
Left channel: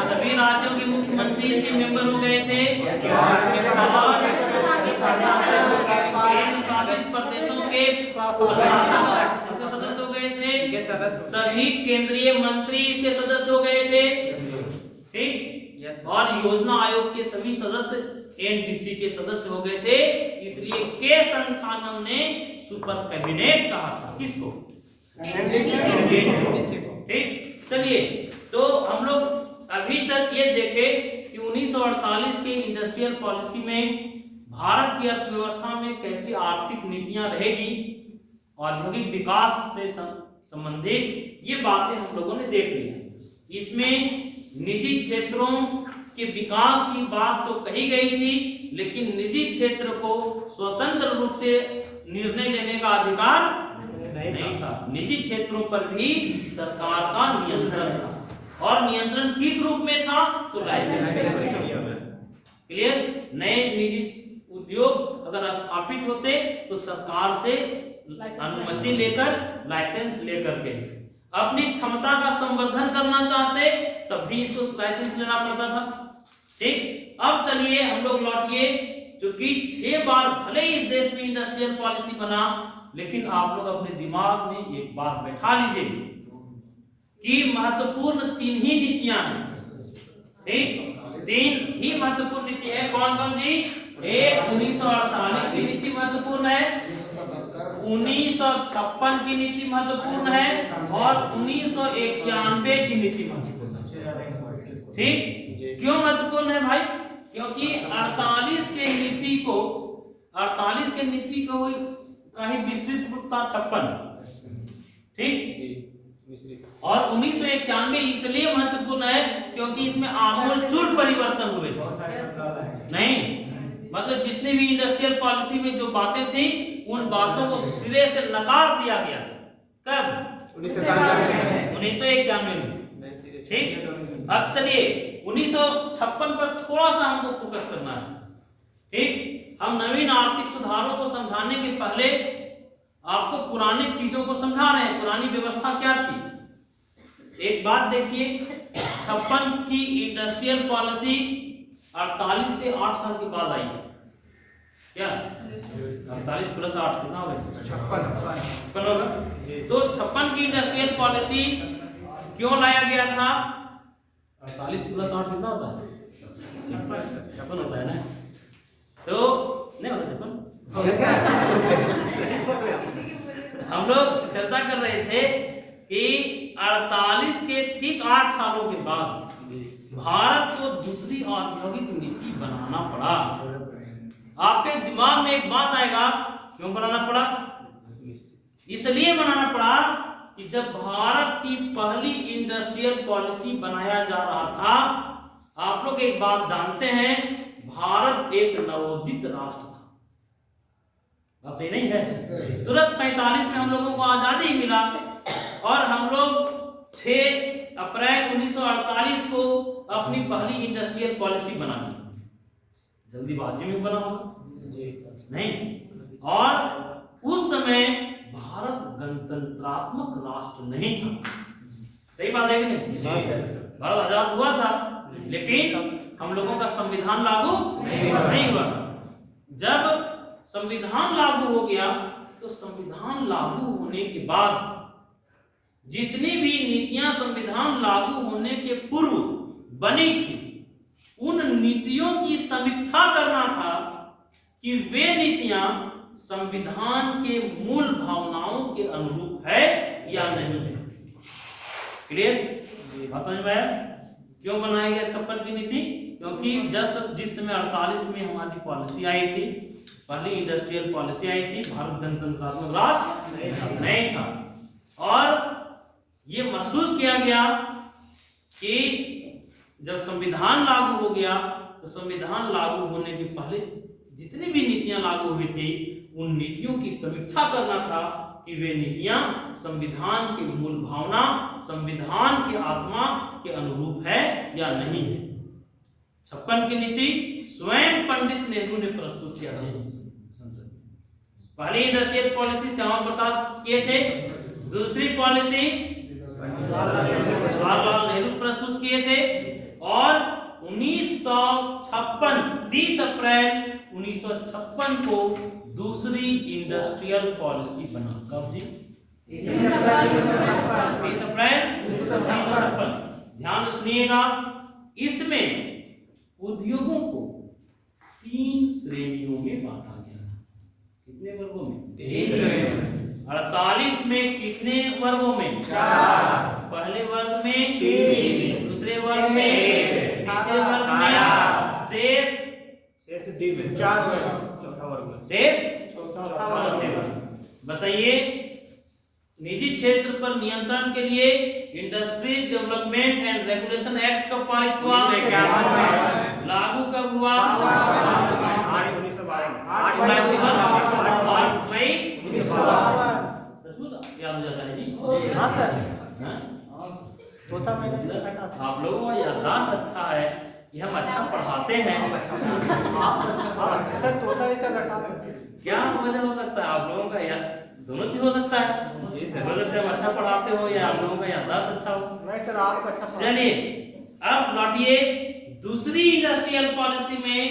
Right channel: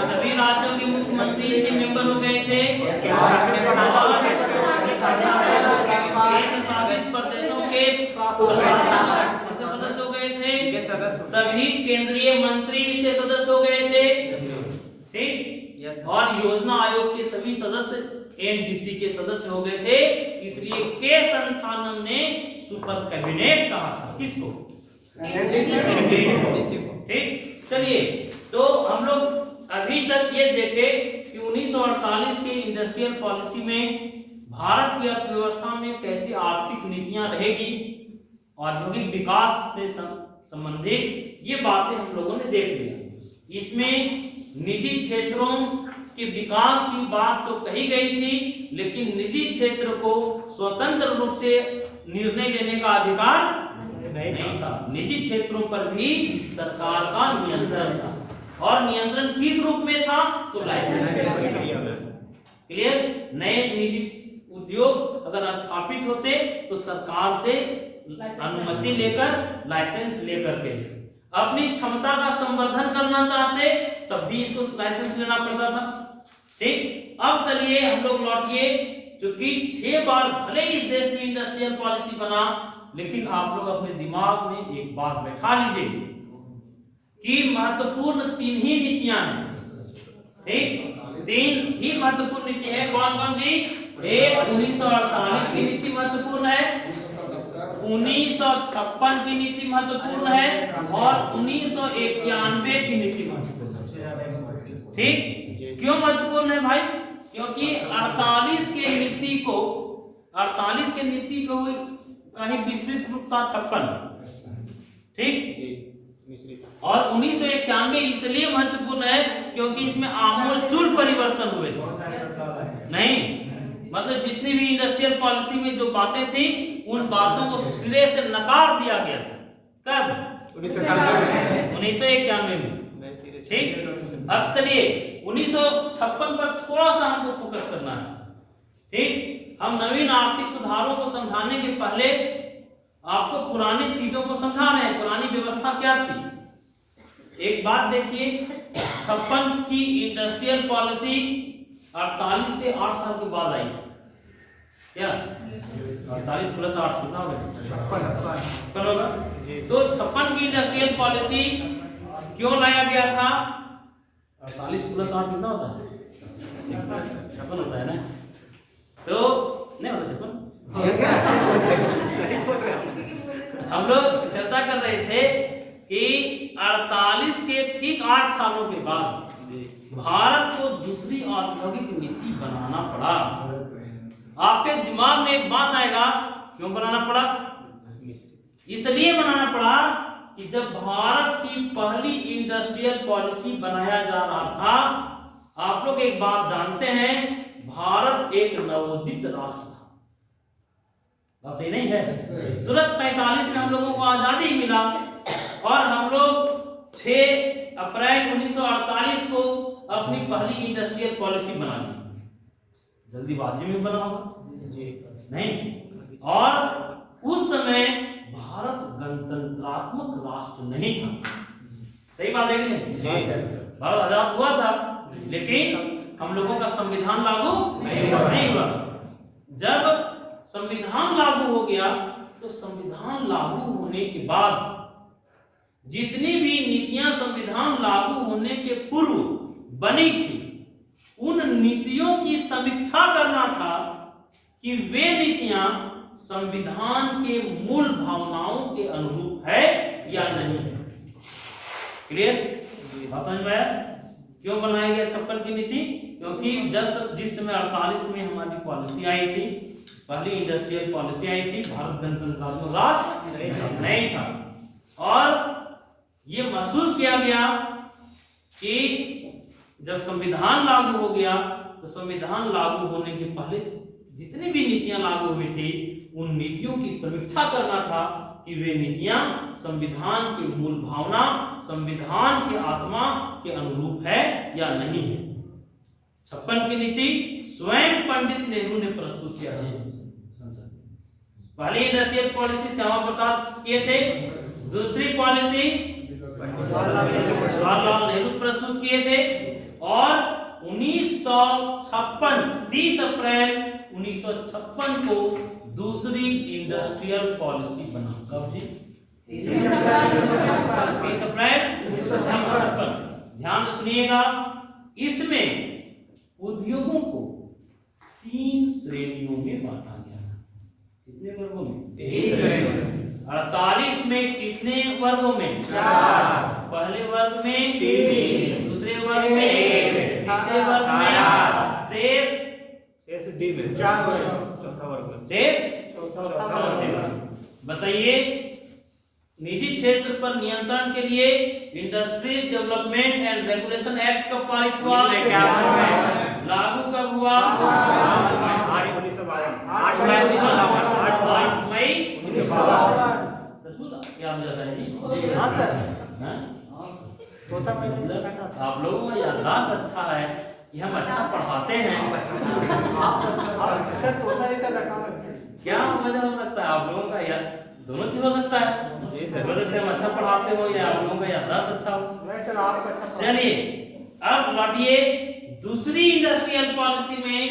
सभी राज्यों के मुख्यमंत्री इसके मेंबर हो गए थे। केंद्र शासित प्रदेशों के सदस्य हो गए थे। सभी केंद्रीय मंत्री इसके सदस्य हो गए थे। ठीक? और योजना आयोग के सभी सदस्य एनटीसी के सदस्य हो गए थे। इसलिए के संस्थानम ने सुपर कैबिनेट कहा था। किसको? ठीक, चलिए तो हम लोग अभी तक ये देखे कि 1948 के इंडस्ट्रियल पॉलिसी में भारत की अर्थव्यवस्था में कैसी आर्थिक नीतियां रहेगी, औद्योगिक विकास से संबंधित ये बातें हम लोगों ने देख ली। इसमें निजी क्षेत्रों के विकास की बात तो कही गई थी, लेकिन निजी क्षेत्र को स्वतंत्र रूप से निर्णय लेने का अधिकार नहीं था। निजी क्षेत्रों पर भी सरकार का नियंत्रण था। और नियंत्रण किस रूप में था? तो लाइसेंस। क्लियर? नए निजी उद्योग अगर स्थापित होते तो सरकार से अनुमति लेकर, लाइसेंस लेकर के अपनी क्षमता का संवर्धन करना चाहते तब भी इसको लाइसेंस लेना पड़ता था। ठीक? अब चलिए हम लोग लौटिए, क्योंकि 6 बार भले ही इस देश में इंडस्ट्रियल पॉलिसी बना, लेकिन आप लोग अपने दिमाग में एक बात बैठा लीजिए कि महत्वपूर्ण 3 ही नीतियां हैं। ठीक, 3 ही महत्वपूर्ण नीति है। कौन कौन जी? एक 1948 की नीति महत्वपूर्ण है, 1956 की नीति महत्वपूर्ण है, और 1991 की नीति महत्वपूर्ण है। ठीक, क्यों महत्वपूर्ण है भाई? क्योंकि 48 के नीति को कहीं विस्तृत रूप था 56। ठीक, और 1991 इसलिए महत्वपूर्ण है क्योंकि इसमें आमूलचूल परिवर्तन हुए थे। नहीं, मतलब जितनी भी इंडस्ट्रियल पॉलिसी में जो बातें थी उन बातों को सिरे से नकार दिया गया था। कब? 1991 में। ठीक, अब चलिए 1956 पर थोड़ा सा हमको फोकस करना है। ठीक, हम नवीन आर्थिक सुधारों को समझाने के पहले आपको पुरानी चीजों को समझा रहे हैं, पुरानी व्यवस्था क्या थी। एक बात देखिए, 56 की इंडस्ट्रियल पॉलिसी 48 से 8 साल के बाद आई। क्या 48 प्लस 8 कितना होगा? 56 होगा। तो 56 की इंडस्ट्रियल पॉलिसी क्यों लाया गया था? 48 प्लस 8 कितना होता है? 56 होता है ना? तो नहीं होता 56? हम लोग चर्चा कर रहे थे कि 48 के ठीक 8 सालों के बाद भारत को दूसरी औद्योगिक नीति बनाना पड़ा। आपके दिमाग में एक बात आएगा, क्यों बनाना पड़ा? इसलिए बनाना पड़ा कि जब भारत की पहली इंडस्ट्रियल पॉलिसी बनाया जा रहा था, आप लोग एक बात जानते हैं, भारत एक नवोदित राष्ट्र था। बात सही नहीं है? तुरंत 47 में हम लोगों को आजादी मिला और हम लोग 6 अप्रैल 1948 को अपनी पहली इंडस्ट्रियल पॉलिसी बना दी। जल्दीबाजी में बना होगा? नहीं। और उस समय भारत गणतंत्रात्मक राष्ट्र नहीं था। सही बात है कि नहीं? भारत आजाद हुआ था, लेकिन हम लोगों का संविधान लागू नहीं हुआ। जब संविधान लागू हो गया, तो संविधान लागू होने के बाद जितनी भी नीतियां संविधान लागू होने के पूर्व बनी थी, उन नीतियों की समीक्षा करना था कि वे नीतियां संविधान के मूल भावनाओं के अनुरूप है या नहीं है। क्लियर? समझ में आया? क्यों बनाया गया 56 की नीति? क्योंकि जिस समय 48 में हमारी पॉलिसी आई थी, पहली इंडस्ट्रियल पॉलिसी आई थी, भारत गणतंत्रात्मक राष्ट्र नहीं था। और ये महसूस किया गया कि जब संविधान लागू हो गया, तो संविधान लागू होने के पहले जितनी भी नीतियां लागू हुई थी, उन नीतियों की समीक्षा करना था कि वे नीतियां संविधान की मूल भावना, संविधान की आत्मा के अनुरूप है या नहीं है। 56 की नीति स्वयं पंडित नेहरू ने प्रस्तुत किया था संसद। पहली इंडस्ट्रियल पॉलिसी श्यामा प्रसाद किए थे, दूसरी पॉलिसी जवाहरलाल नेहरू प्रस्तुत किए थे, और 1956 30 अप्रैल 1956 को दूसरी इंडस्ट्रियल पॉलिसी बना। कब जी? 30 अप्रैल 1956। ध्यान से सुनिएगा, इसमें उद्योगों को 3 श्रेणियों में बांटा गया। कितने वर्गों में? 3 श्रेणियों। 48 में कितने वर्गों में? 4। पहले वर्ग में 3, दूसरे वर्ग में 1, तीसरे वर्ग में शेष डी में 4 वर्ग, चौथा वर्ग शेष चौथा वर्ग। बताइए, निजी क्षेत्र पर नियंत्रण के लिए industry development and regulation act कब पारित हुआ? 1951 में। लागू कब हुआ? 8 मई 1952। याद हो जाता है जी? हाँ सर। आप लोगों का याददाश्त अच्छा है कि हम अच्छा पढ़ाते हैं। सर तोता ऐसा बैठा है। क्या वजह हो सकता है आप लोगों का? यार दोनों चीज हो सकता है। हम अच्छा पढ़ाते हो या आप लोगों का याददाश्त अच्छा हो। नहीं सर, आप अच्छा। चलिए अब लौटिए दूसरी इंडस्ट्रियल पॉलिसी में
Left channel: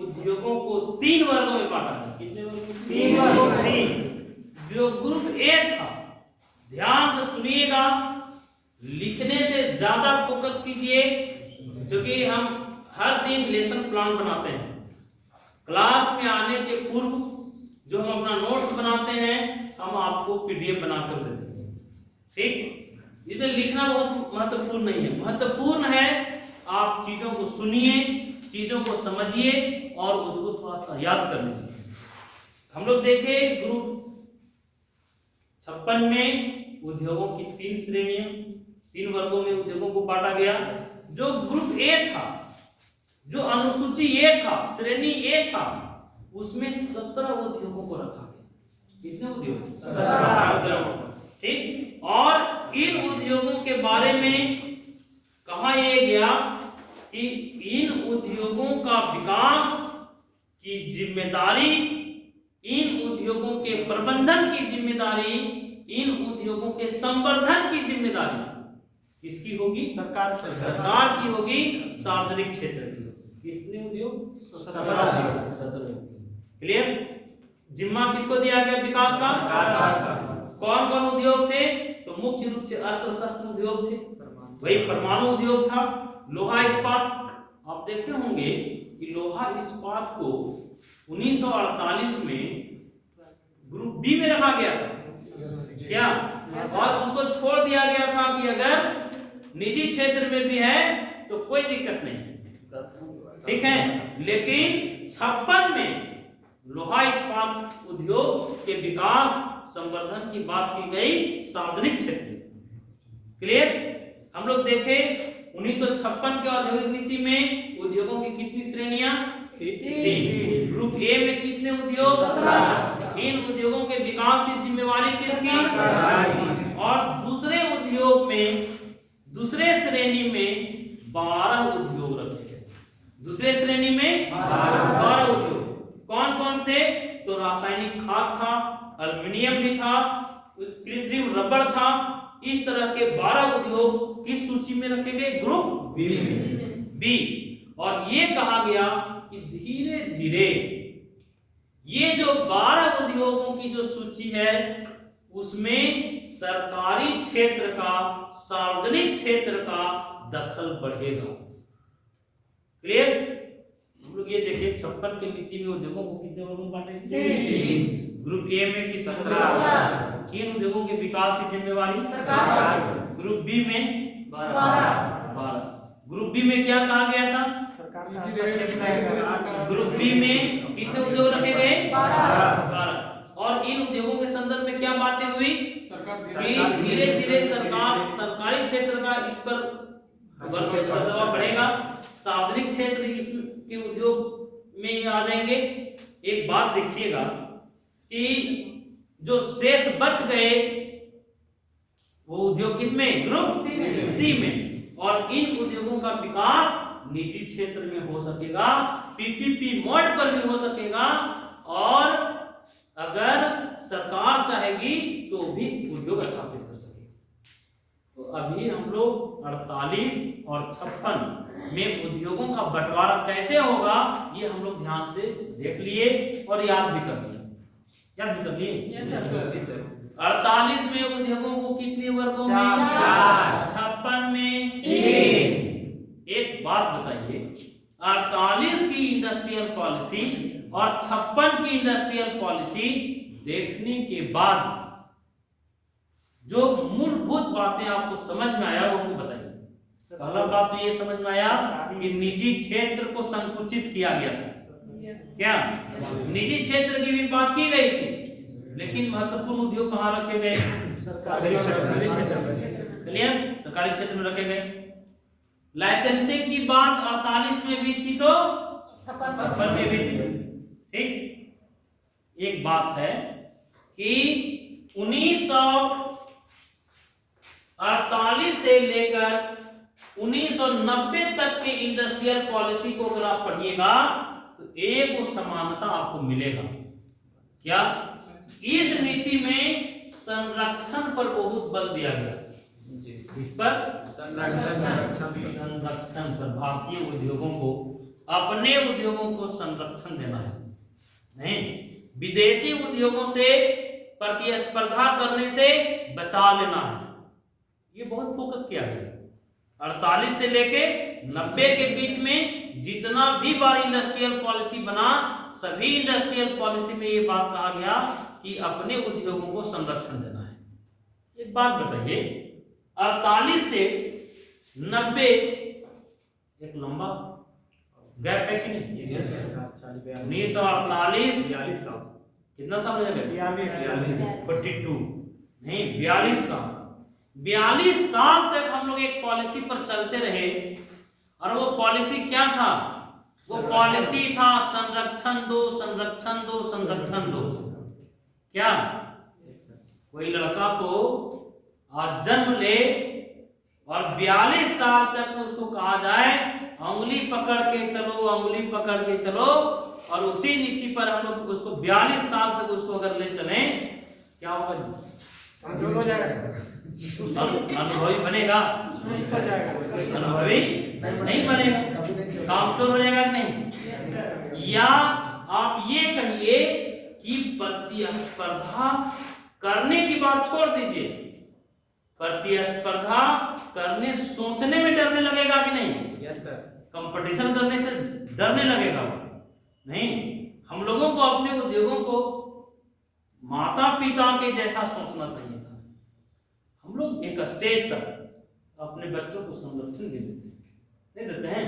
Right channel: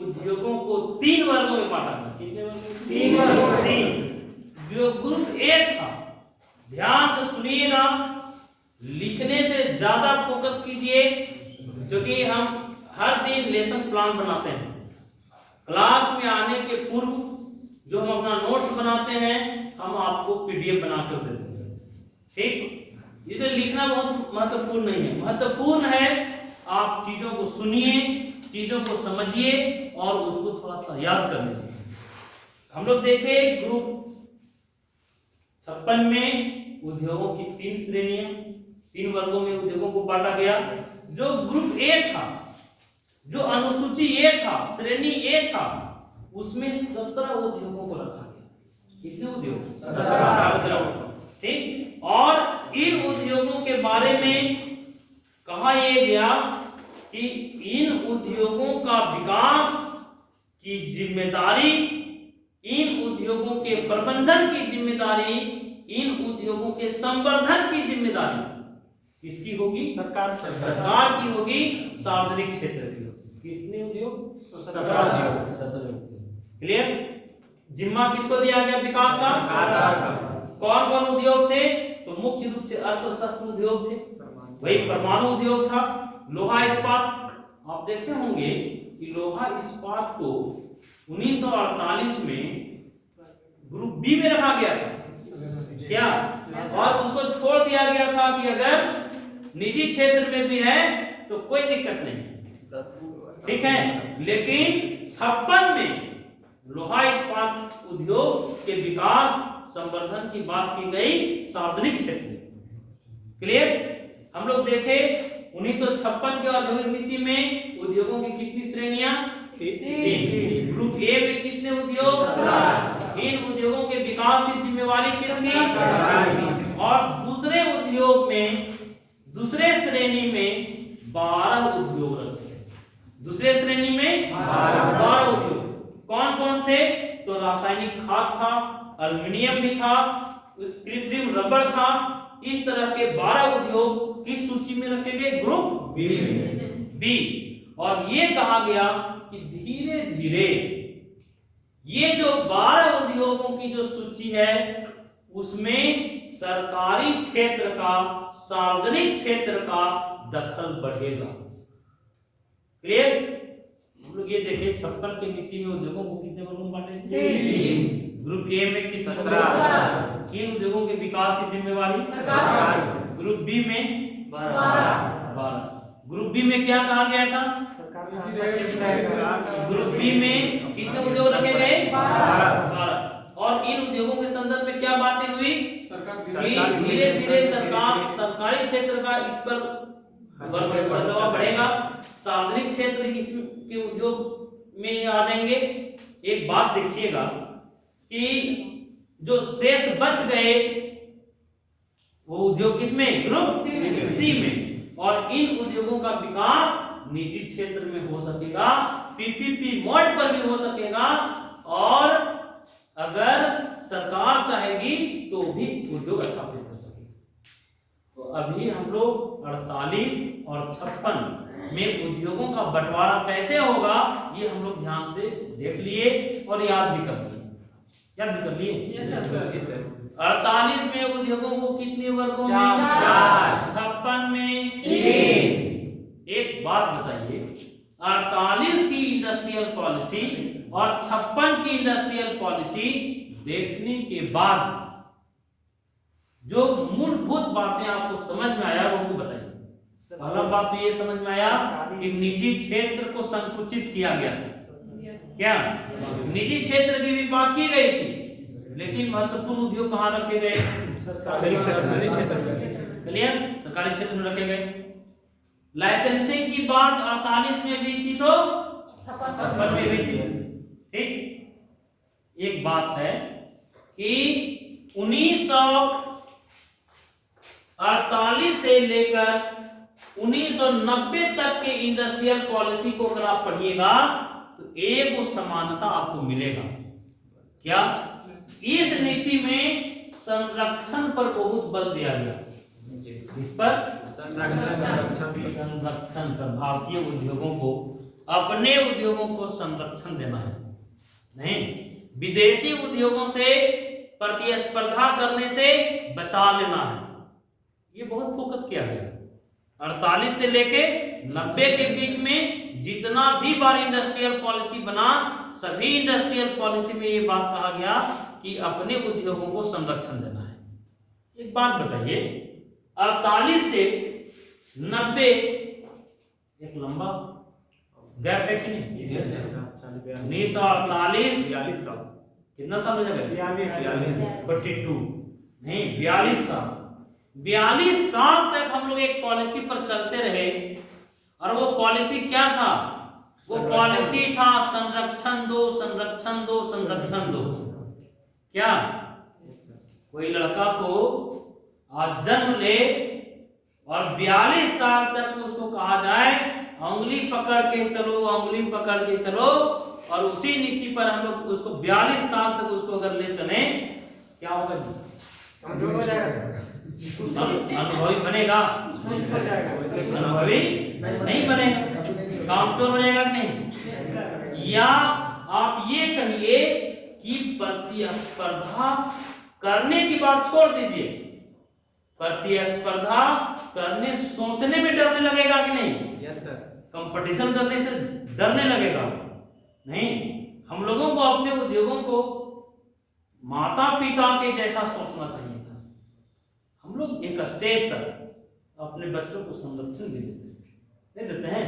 उद्योगों को 3 वर्गों में बांटा गया। कितने वर्गों? 3 वर्गों में। 3। जो ग्रुप ए था, ध्यान से सुनिएगा, लिखने से ज्यादा फोकस कीजिए, क्योंकि हम हर दिन लेसन प्लान बनाते हैं। क्लास में आने के पूर्व जो हम अपना नोट्स बनाते हैं, हम आपको पीडीएफ बनाकर देते हैं। ठीक, इसलिए लिखना बहुत महत्वपूर्ण नहीं है, महत्वपूर्ण है आप चीजों को सुनिए, चीजों को समझिए और उसको थोड़ा सा याद कर लीजिए। हम लोग देखे ग्रुप 56 में उद्योगों की 3 श्रेणियां, 3 वर्गों में उद्योगों को बांटा गया। जो ग्रुप ए था, जो अनुसूची ए था, श्रेणी ए था, उसमें 17 उद्योगों को रखा गया। कितने उद्योग? 17 उद्योग। ठीक, और इन उद्योगों के बारे में कहा यह गया कि इन उद्योगों का विकास की जिम्मेदारी, इन उद्योगों के प्रबंधन की जिम्मेदारी, इन उद्योगों के संवर्धन की जिम्मेदारी किसकी होगी? सरकार की होगी, सार्वजनिक क्षेत्र की होगी। कितने उद्योग? 17 उद्योग। क्लियर? जिम्मा किसको दिया गया विकास का? कौन कौन उद्योग थे? तो मुख्य रूप से अस्त्र शस्त्र उद्योग थे, वही परमाणु उद्योग था, लोहा इस्पात। आप देखे होंगे कि लोहा इस्पात को 1948 में ग्रुप बी में रखा गया था, क्या? और उसको छोड़ दिया गया था कि अगर निजी क्षेत्र में भी है तो कोई दिक्कत नहीं, ठीक है। लेकिन 56 में लोहा इस्पात उद्योग के विकास संवर्धन की बात की गई सार्वजनिक क्षेत्र। क्लियर? हम लोग देखे 1956 के औद्योगिक नीति में उद्योगों की कितनी श्रेणियां? 3। ग्रुप ए में कितने उद्योग? 17। इन उद्योगों के विकास की जिम्मेवारी किसकी? और दूसरे उद्योग में, दूसरे श्रेणी में 12 उद्योग रखे गए। दूसरे श्रेणी में 12 उद्योग। कौन कौन थे? तो रासायनिक खाद था, एल्युमिनियम भी था, कृत्रिम रबड़ था। इस तरह के 12 उद्योग किस सूची में रखे गए? Group B. और ये कहा गया कि धीरे धीरे ये जो 12 उद्योगों की जो सूची है, उसमें सरकारी क्षेत्र का, सार्वजनिक क्षेत्र का दखल बढ़ेगा। क्लियर? हम लोग ये देखिए 56 के नीति में उद्योगों को कितने वर्गों में बांटे? 3। ग्रुप ए में कितने? 17। किन उद्योगों के विकास की जिम्मेवारी? सरकार। ग्रुप बी में 12। ग्रुप बी में क्या कहा गया था? ग्रुप बी में कितने उद्योग रखे गए? 12। और इन उद्योगों के संदर्भ में क्या बातें हुई? धीरे धीरे सरकारी क्षेत्र का इस पर दबाव बढ़ेगा, सार्वजनिक क्षेत्र इसके उद्योग में आ जाएंगे। एक बात देखिएगा कि जो शेष बच गए वो उद्योग किसमें? ग्रुप सी में। और इन उद्योगों का विकास निजी क्षेत्र में हो सकेगा, पीपीपी मोड पर भी हो सकेगा, और अगर सरकार चाहेगी तो भी उद्योग स्थापित कर सकेगी। तो अभी हम लोग 48 और 56 में उद्योगों का बंटवारा कैसे होगा ये हम लोग ध्यान से देख लिए और याद भी कर लिए। याद भी कर लिए? 48 में उद्योगों को कितने वर्गों में? 4। 56 में 3। एक बात बताइए, 48 की इंडस्ट्रियल पॉलिसी और 56 की इंडस्ट्रियल पॉलिसी देखने के बाद जो मूलभूत बातें आपको समझ में आया वो मुझे बताइए। पहला बात तो ये समझ में आया कि निजी क्षेत्र को संकुचित किया गया था। क्या? निजी क्षेत्र की भी बात की गई थी, लेकिन महत्वपूर्ण उद्योग कहाँ रखे गए? सरकारी क्षेत्र में। क्लियर? सरकारी क्षेत्र में रखे गए। लाइसेंसिंग की बात 48 में भी थी तो 56 में भी थी। ठीक, एक बात है कि 1948 से लेकर 1990 तक के इंडस्ट्रियल पॉलिसी को अगर आप पढ़िएगा तो एक समानता आपको मिलेगा। क्या? इस नीति में संरक्षण पर बहुत बल दिया गया। इस पर संरक्षण पर भारतीय उद्योगों को अपने उद्योगों को संरक्षण देना है, नहीं विदेशी उद्योगों से प्रतिस्पर्धा करने से बचा लेना है। ये बहुत फोकस किया गया। 48 से लेके 90 के बीच में जितना भी बार इंडस्ट्रियल पॉलिसी बना, सभी इंडस्ट्रियल पॉलिसी में ये बात कहा गया कि अपने उद्योगों को संरक्षण देना है। एक बात बताइए, 48 से 90 एक लंबा गैप है कि नहीं? 1948 कितना साल हो जाएगा? 42 नहीं 42 साल। 42 साल तक हम लोग एक पॉलिसी पर चलते रहे, और वो पॉलिसी क्या था? वो पॉलिसी था संरक्षण दो, संरक्षण दो, संरक्षण दो। क्या कोई लड़का को आज जन्म ले और 42 साल तक उसको कहा जाए उंगली पकड़ के चलो, उंगली पकड़ के चलो, और उसी नीति पर हम लोग उसको 42 साल तक उसको अगर ले चले, क्या होगा जी? अनुभवी बनेगा? अनुभवी नहीं बनेगा, कामचोर हो जाएगा कि नहीं? या आप ये कहिए कि प्रतिस्पर्धा करने की बात छोड़ दीजिए, प्रतिस्पर्धा करने सोचने में डरने लगेगा कि नहीं? Yes sir. कंपटीशन करने से डरने लगेगा? नहीं, हम लोगों को अपने उद्योगों को माता पिता के जैसा सोचना चाहिए था। हम लोग एक स्टेज तक अपने बच्चों को संरक्षण दे देते हैं, नहीं देते हैं?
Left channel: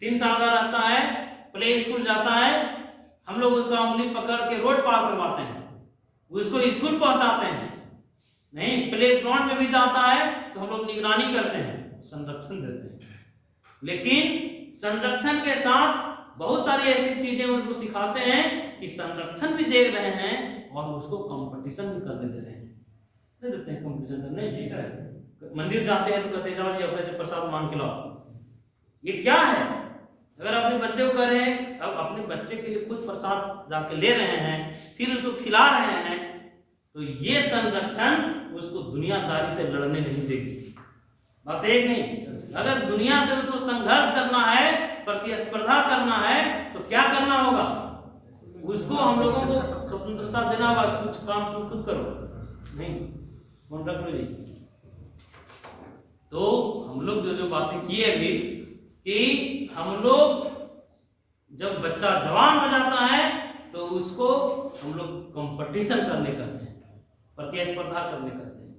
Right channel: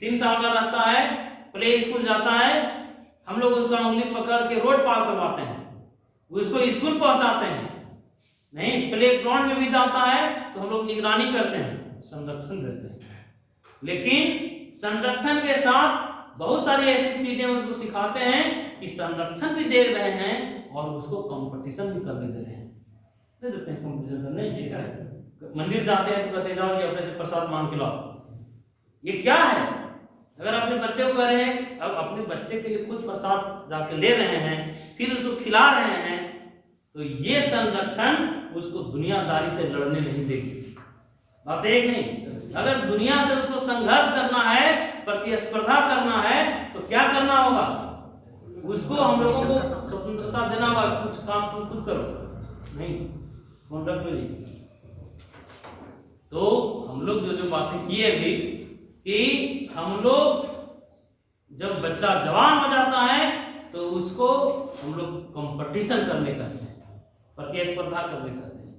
3 साल का रहता है, प्ले स्कूल जाता है, हम लोग उसका उंगली पकड़ के रोड पार करवाते हैं, उसको स्कूल पहुंचाते हैं। नहीं, प्ले ग्राउंड में भी जाता है तो हम लोग निगरानी करते हैं, संरक्षण देते हैं। लेकिन संरक्षण के साथ बहुत सारी ऐसी चीजें उसको सिखाते हैं कि संरक्षण भी दे रहे हैं और उसको कंपटीशन भी करने दे रहे हैं, नहीं देते हैं कंपटीशन करने? मंदिर जाते हैं तो कहते जाओ जी अपने से प्रसाद मांग के लाओ। ये क्या है? अगर अपने बच्चे को कह रहे हैं, अब अपने बच्चे के लिए खुद प्रसाद जाके ले रहे हैं, फिर उसको खिला रहे हैं, तो ये संरक्षण उसको दुनियादारी से लड़ने नहीं देगी। बात एक नहीं, अगर दुनिया से उसको संघर्ष करना है, प्रतिस्पर्धा करना है, तो क्या करना होगा? उसको हम लोगों को स्वतंत्रता देना होगा, कुछ काम तुम खुद करो, नहीं कौन रख लो जी। तो हम लोग जो बातें किए अभी कि हम लोग जब बच्चा जवान हो जाता है तो उसको हम लोग कंपटीशन करने कहते हैं, प्रतिस्पर्धा करने कहते हैं।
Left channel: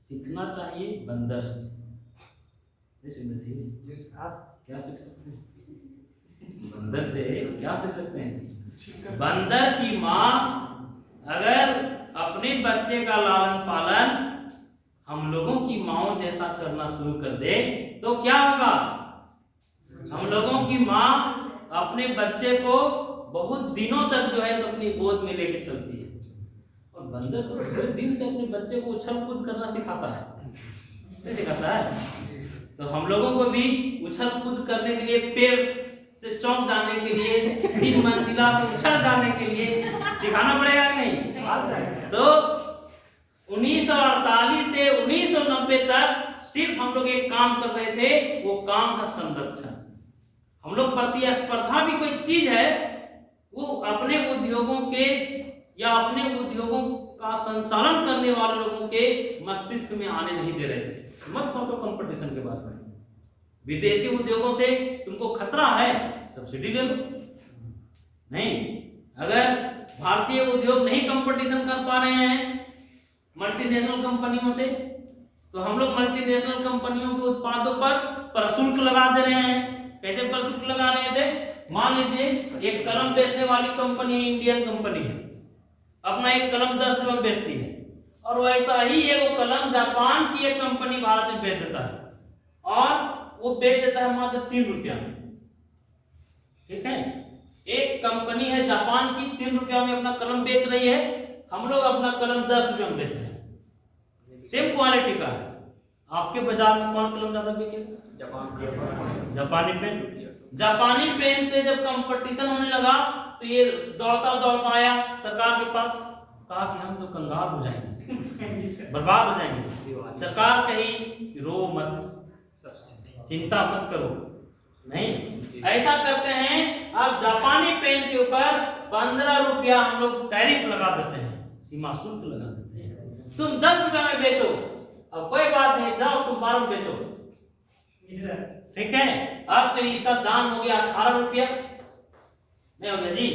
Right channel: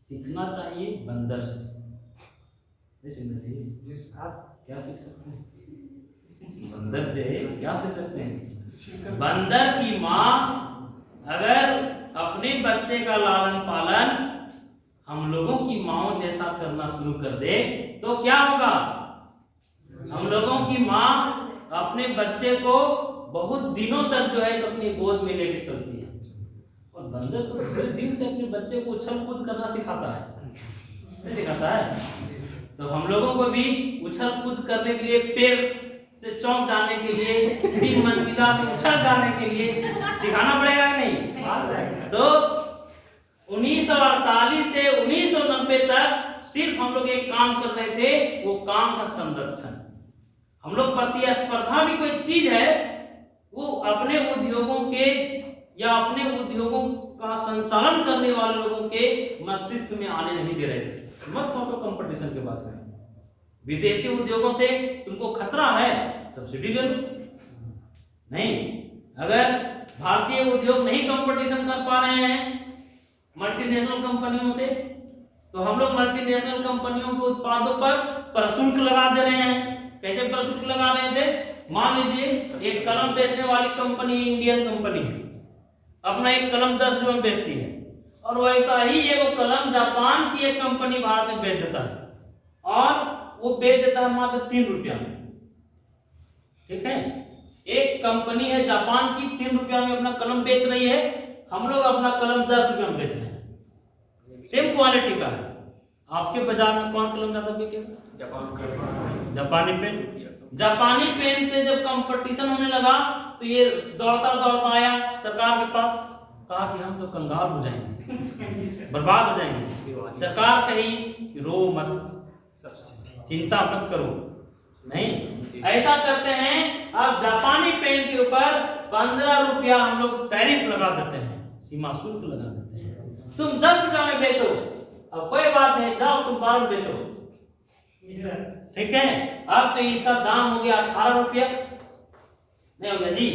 सीखना चाहिए बंदर से, क्या सीख सकते हैं? बंदर से क्या सीख सकते हैं? बंदर की माँ अगर अपने बच्चे का लालन पालन हम लोगों की माँओं जैसा करना शुरू कर दे तो क्या होगा? हम लोगों की माँ अपने बच्चे को बहुत दिनों तक जो है अपनी गोद में लेके चलती है, और बंदर तो पूरे दिन से अपने बच्चे को उछल कूद करना सिखाता है, नहीं सिखाता है? तो हम लोगों को भी उछल कूद करने के लिए, पेड़ से चौंक जाने के लिए, 3 मंजिला से उछल जाने के लिए सिखाना पड़ेगा कि नहीं? तो 1948 से 1990 तक सिर्फ हम लोग एक काम कर रहे थे, वो काम था संरक्षण। हम लोग प्रतिस्पर्धा भी कोई चीज है, वो अपने उद्योगों के या अपने उद्योगों का संचालन करने वाले लोगों के मस्तिष्क में आने नहीं दे रहे थे। मत सोचो कंपटीशन के बारे में, विदेशी उद्योगों से तुमको खतरा है, सब्सिडी ले लो। नहीं, अगर भारतीय उद्योग नहीं कंपटीशन कर पा रहे हैं मल्टीनेशनल कंपनियों से, तो हम लोग मल्टीनेशनल कंपनियों के उत्पादों पर प्रशुल्क लगा दे रहे हैं। कैसे प्रशुल्क लगा रहे थे? मान लीजिए एक कलम बेचने वाली कंपनी इंडियन कंपनी है, अपना एक कलम 10 रुपये में बेचती है, और वैसा ही एक कलम जापान की एक कंपनी भारत में बेच देता है, और वो बेच देता है मात्र 3 रुपया में। ठीक है, एक कंपनी है जापान की 3 रुपया में अपना कलम बेच रही है, हम लोग अपना कलम 10 रुपया में बेच रहे हैं, सेम क्वालिटी का है। आपके बाजार में कौन कलम ज्यादा बिकेगा? जापानी पेन। जापानी पेन से जब कंपटीशन होने लगा तो ये दौड़ता दौड़ता आया सरकार के पास, कहा कि हम तो कंगाल हो जाएंगे, बर्बाद हो जाएंगे। सरकार कही कि रो मत, चिंता मत करो, नहीं ऐसा करते हैं। अब जापानी पेन के ऊपर 15 रुपया हम लोग टैरिफ लगा देते हैं, सीमा शुल्क लगा देते हैं। तुम 10 रुपया में बेचो, अब कोई बात नहीं, जाओ तुम 12 में बेचो, ठीक है। अब तो इसका दाम हो गया 18 रुपया, नहीं हो गया जी।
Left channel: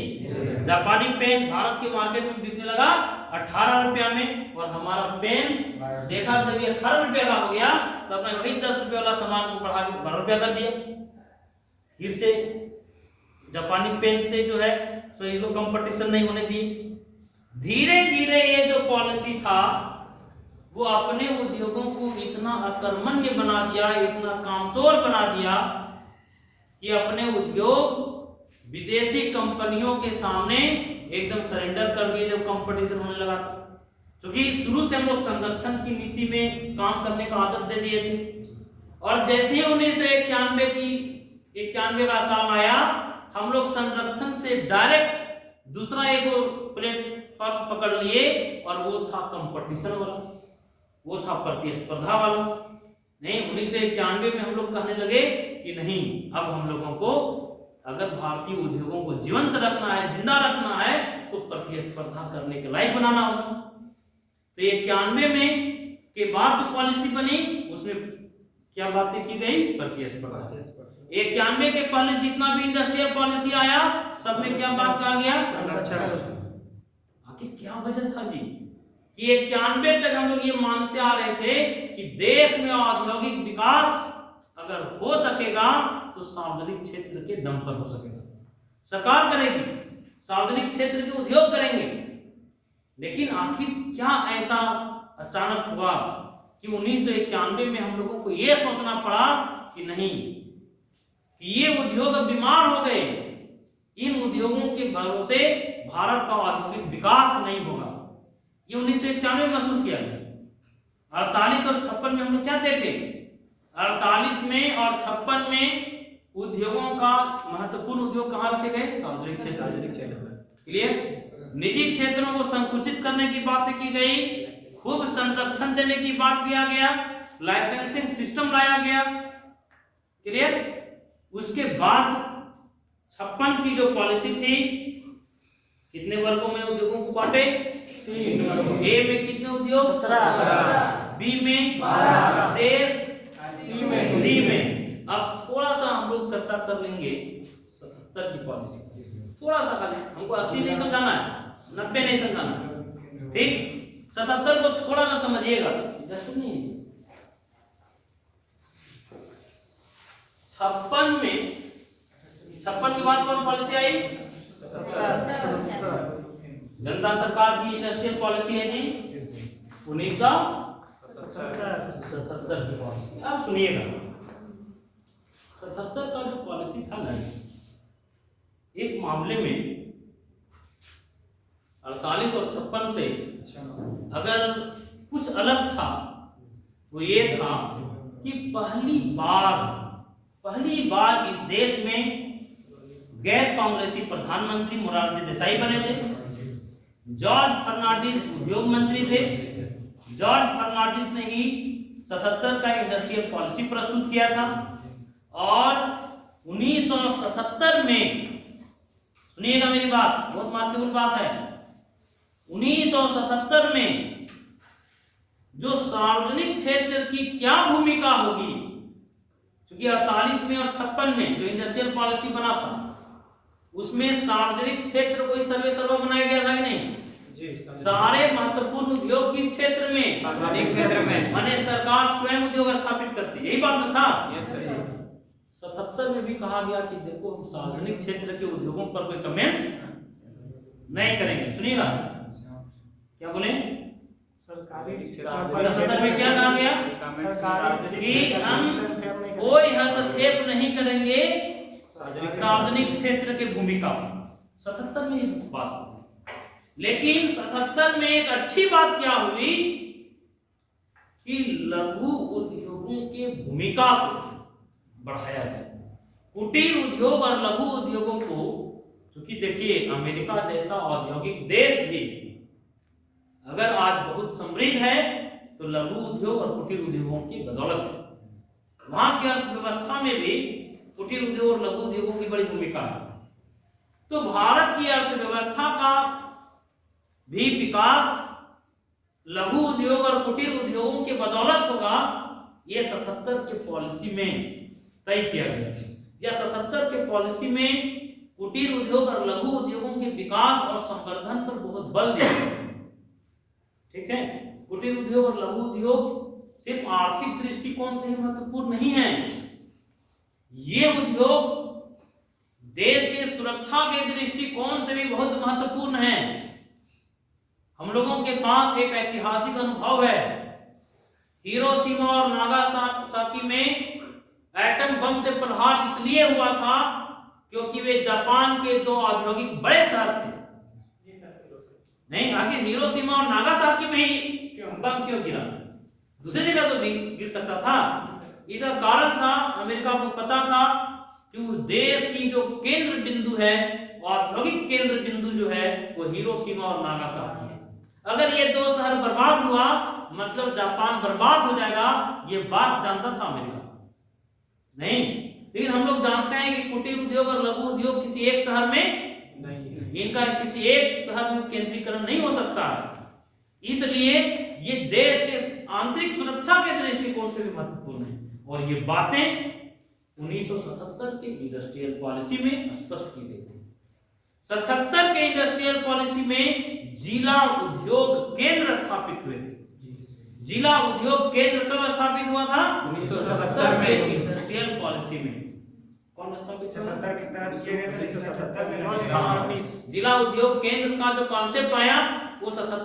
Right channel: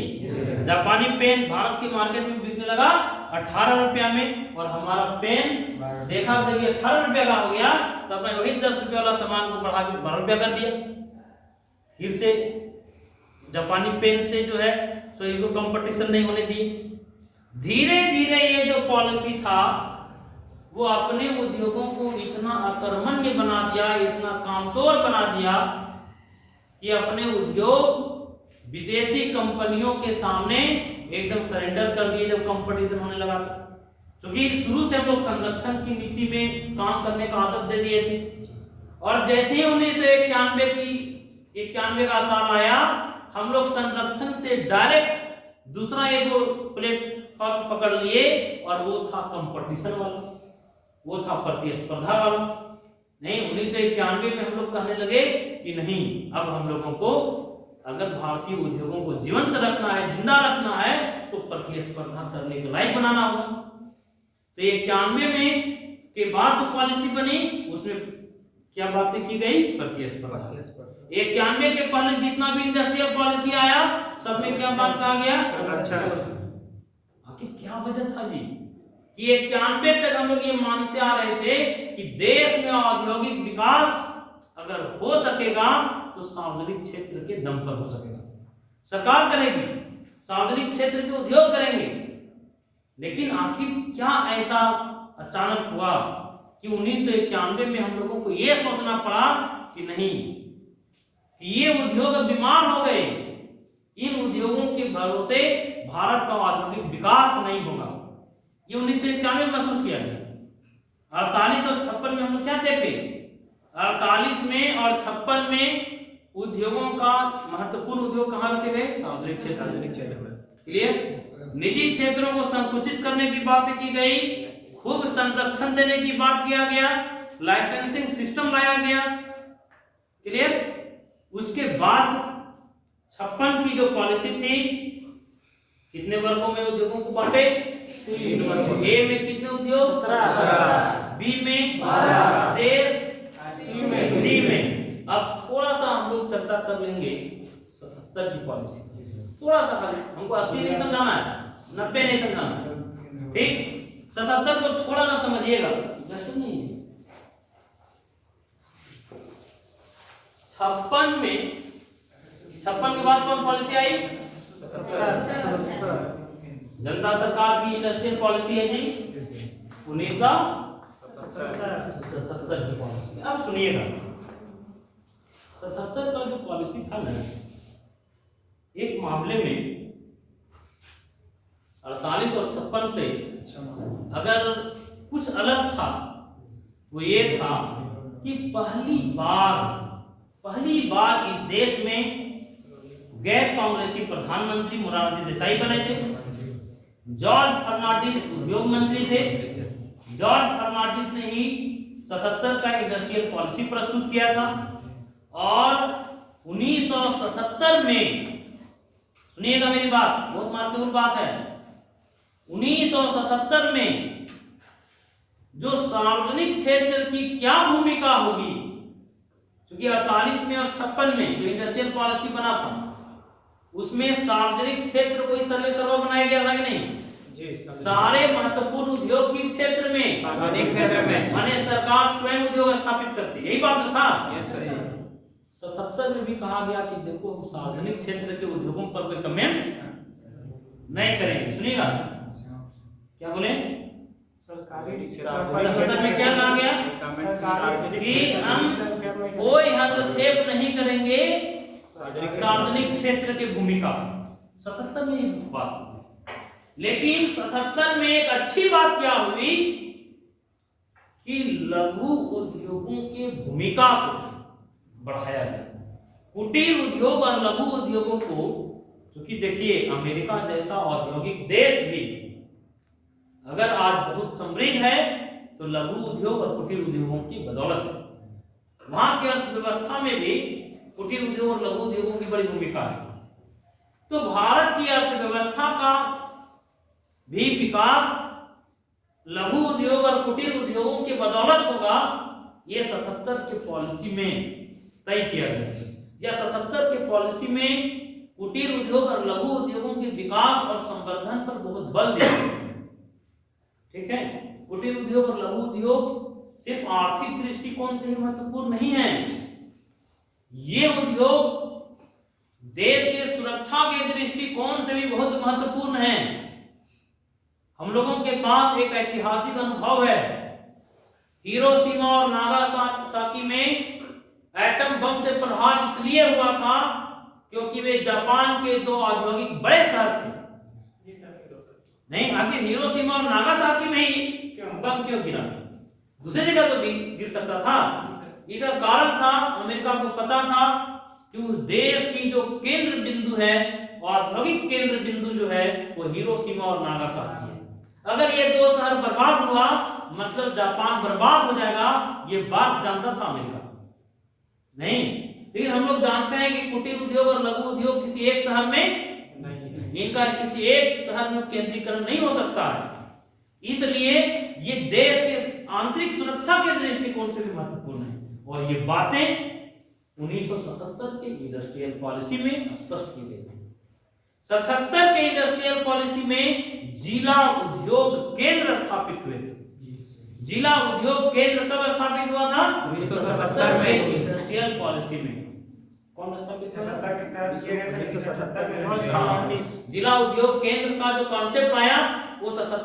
जापानी पेन भारत के मार्केट में बिकने लगा 18 रुपया में, और हमारा पेन देखा जब 18 रुपया का हो गया तो हमने वही 10 रुपया वाला सामान को बढ़ा के 12 रुपया कर दिया। फिर से जापानी पेन से जो है सो इसको कंपटीशन नहीं होने दी। धीरे धीरे ये जो पॉलिसी था वो अपने उद्योगों को इतना अकर्मण्य बना दिया, इतना कामचोर बना दिया कि अपने उद्योग विदेशी कंपनियों के सामने एकदम सरेंडर कर दिए जब कंपटीशन होने लगा था। क्योंकि शुरू से हम लोग संरक्षण की नीति में काम करने का आदत दे दिए थे, और जैसे ही 1991 का साल आया, हम लोग संरक्षण से डायरेक्ट दूसरा एक प्लेटफॉर्म पकड़ लिए, और वो था कंपटीशन वाला, वो था प्रतिस्पर्धा वाला। नहीं, 1991 में हम लोग कहने लगे कि नहीं, अब हम लोगों को अगर भारतीय उद्योगों को जीवंत रखना है, जिंदा रखना है, तो प्रतिस्पर्धा करने के लायक बनाना होगा। तो 91 में के बाद जो पॉलिसी बनी उसमें क्या बातें की गई? प्रतिस्पर्धा। 91 के पहले जितना भी इंडस्ट्रियल पॉलिसी आया सब में क्या बात कहा गया? संरक्षण। आखिर क्या वजह था जी कि 91 तक हम लोग ये मानते आ रहे थे कि देश में औद्योगिक विकास अगर हो सकेगा तो सार्वजनिक क्षेत्र के दम पर हो सकेगा, सरकार करेगी, सार्वजनिक क्षेत्र के उद्योग करेंगे। लेकिन आखिर क्या ऐसा अचानक हुआ कि 1991 में हम लोगों को यह सोचना पड़ा कि नहीं, कि ये उद्योग अब बीमार हो गए, इन उद्योगों के भरोसे भारत का औद्योगिक विकास नहीं होगा। ये 1991 में महसूस किया गया। 48 और 56 में हम लोग क्या देखे? 48 में और 56 में उद्योगों का महत्वपूर्ण उद्योग कहाँ रखे गए? सार्वजनिक क्षेत्र में। क्लियर? निजी क्षेत्रों को संकुचित करने की बात की गई, खूब संरक्षण देने की बात किया गया, लाइसेंसिंग सिस्टम लाया गया। क्लियर? उसके बाद 56 की जो पॉलिसी थी, कितने वर्गों में उद्योगों को बांटे? ए में कितने उद्योग? 17, बी में 12, शेष सी में। अब थोड़ा सा हम लोग चर्चा कर लेंगे 77 की पॉलिसी, थोड़ा सा खाली, हमको 80 नहीं समझाना है, 90 नहीं समझाना है, ठीक? 77 को थोड़ा सा समझिएगा। नहीं, 56 में, 56 के बाद कौन पॉलिसी आई? जनता सरकार की इंडस्ट्रियल पॉलिसी है जी 1977 की पॉलिसी। अब सुनिएगा, 77 का जो पॉलिसी था ना, एक मामले में 48 और 56 से अगर कुछ अलग था वो ये था कि पहली बार इस देश में गैर कांग्रेसी प्रधानमंत्री मोरारजी देसाई बने थे। जॉर्ज फर्नांडिस उद्योग मंत्री थे। जॉर्ज फर्नांडिस ने ही 77 का इंडस्ट्रियल पॉलिसी प्रस्तुत किया था, और 1977 में, सुनिएगा मेरी बात, बहुत महत्वपूर्ण बात है, 1977 में जो सार्वजनिक क्षेत्र की क्या भूमिका होगी, क्योंकि 48 में और 56 में जो इंडस्ट्रियल पॉलिसी बना था उसमें सार्वजनिक क्षेत्र को सर्वे बनाया गया था कि नहीं? सारे महत्वपूर्ण उद्योग किस क्षेत्र में? सार्वजनिक क्षेत्र में, माने सरकार स्वयं उद्योग स्थापित करती है, यही बात था। Yes sir. 77 में भी कहा गया कि देखो हम सार्वजनिक क्षेत्र के उद्योगों पर कोई कमेंट्स नहीं करेंगे। सुनिएगा क्या बोले? सरकारी क्षेत्र में क्या कहा गया कि हम कोई हस्तक्षेप नहीं करेंगे सार्वजनिक क्षेत्र की भूमिका। 77 में ये बात हुई। लेकिन 77 में एक अच्छी बात क्या हुई कि लघु उद्योगों की भूमिका को बढ़ाया गया। कुटीर उद्योग और लघु उद्योगों को, क्योंकि देखिए अमेरिका जैसा औद्योगिक देश भी अगर आज बहुत समृद्ध है तो लघु उद्योग और कुटीर उद्योगों की बदौलत है। वहां की अर्थव्यवस्था में भी कुटीर उद्योग और लघु उद्योगों की बड़ी भूमिका है। तो भारत की अर्थव्यवस्था का भी विकास लघु उद्योग और कुटीर उद्योगों की बदौलत होगा, ये 77 के पॉलिसी में तय किया गया। या 77 के पॉलिसी में कुटीर उद्योग और लघु उद्योगों के विकास और संवर्धन पर बहुत बल दिया गया। ठीक है, कुटीर उद्योग और लघु उद्योग सिर्फ आर्थिक दृष्टिकोण से ही महत्वपूर्ण नहीं है, ये उद्योग देश के सुरक्षा के दृष्टिकोण से भी बहुत महत्वपूर्ण है। हम लोगों के पास एक ऐतिहासिक अनुभव है। हिरोशिमा और नागासाकी में एटम बम से प्रहार इसलिए हुआ था क्योंकि वे जापान के दो औद्योगिक बड़े शहर थे। नहीं, आखिर हिरोशिमा और नागासाकी में ही बम क्यों गिरा? दूसरी जगह तो भी गिर सकता था। इसका कारण था, अमेरिका को पता था कि उस देश की जो केंद्र बिंदु है, औद्योगिक केंद्र बिंदु जो है, वो हिरोशिमा और नागासाकी है। अगर ये दो शहर बर्बाद हुआ मतलब जापान बर्बाद हो जाएगा, ये बात जानता था अमेरिका। नहीं, लेकिन हम लोग जानते हैं कि कुटीर उद्योग और लघु उद्योग किसी एक शहर में नहीं, इनका किसी एक शहर में केंद्रीकरण नहीं हो सकता है। इसलिए ये देश के आंतरिक सुरक्षा के दृष्टिकोण से भी महत्वपूर्ण है। और ये बातें 1977 के इंडस्ट्रियल पॉलिसी में स्पष्ट की गई थी। 77 के इंडस्ट्रियल पॉलिसी में जिला उद्योग केंद्र स्थापित हुए थे। जिला उद्योग केंद्र कब स्थापित हुआ था? 1977 में इंडस्ट्रियल पॉलिसी में। कौन स्थापित हुआ? 1977 में। जिला उद्योग केंद्र का जो कॉन्सेप्ट आया वो 77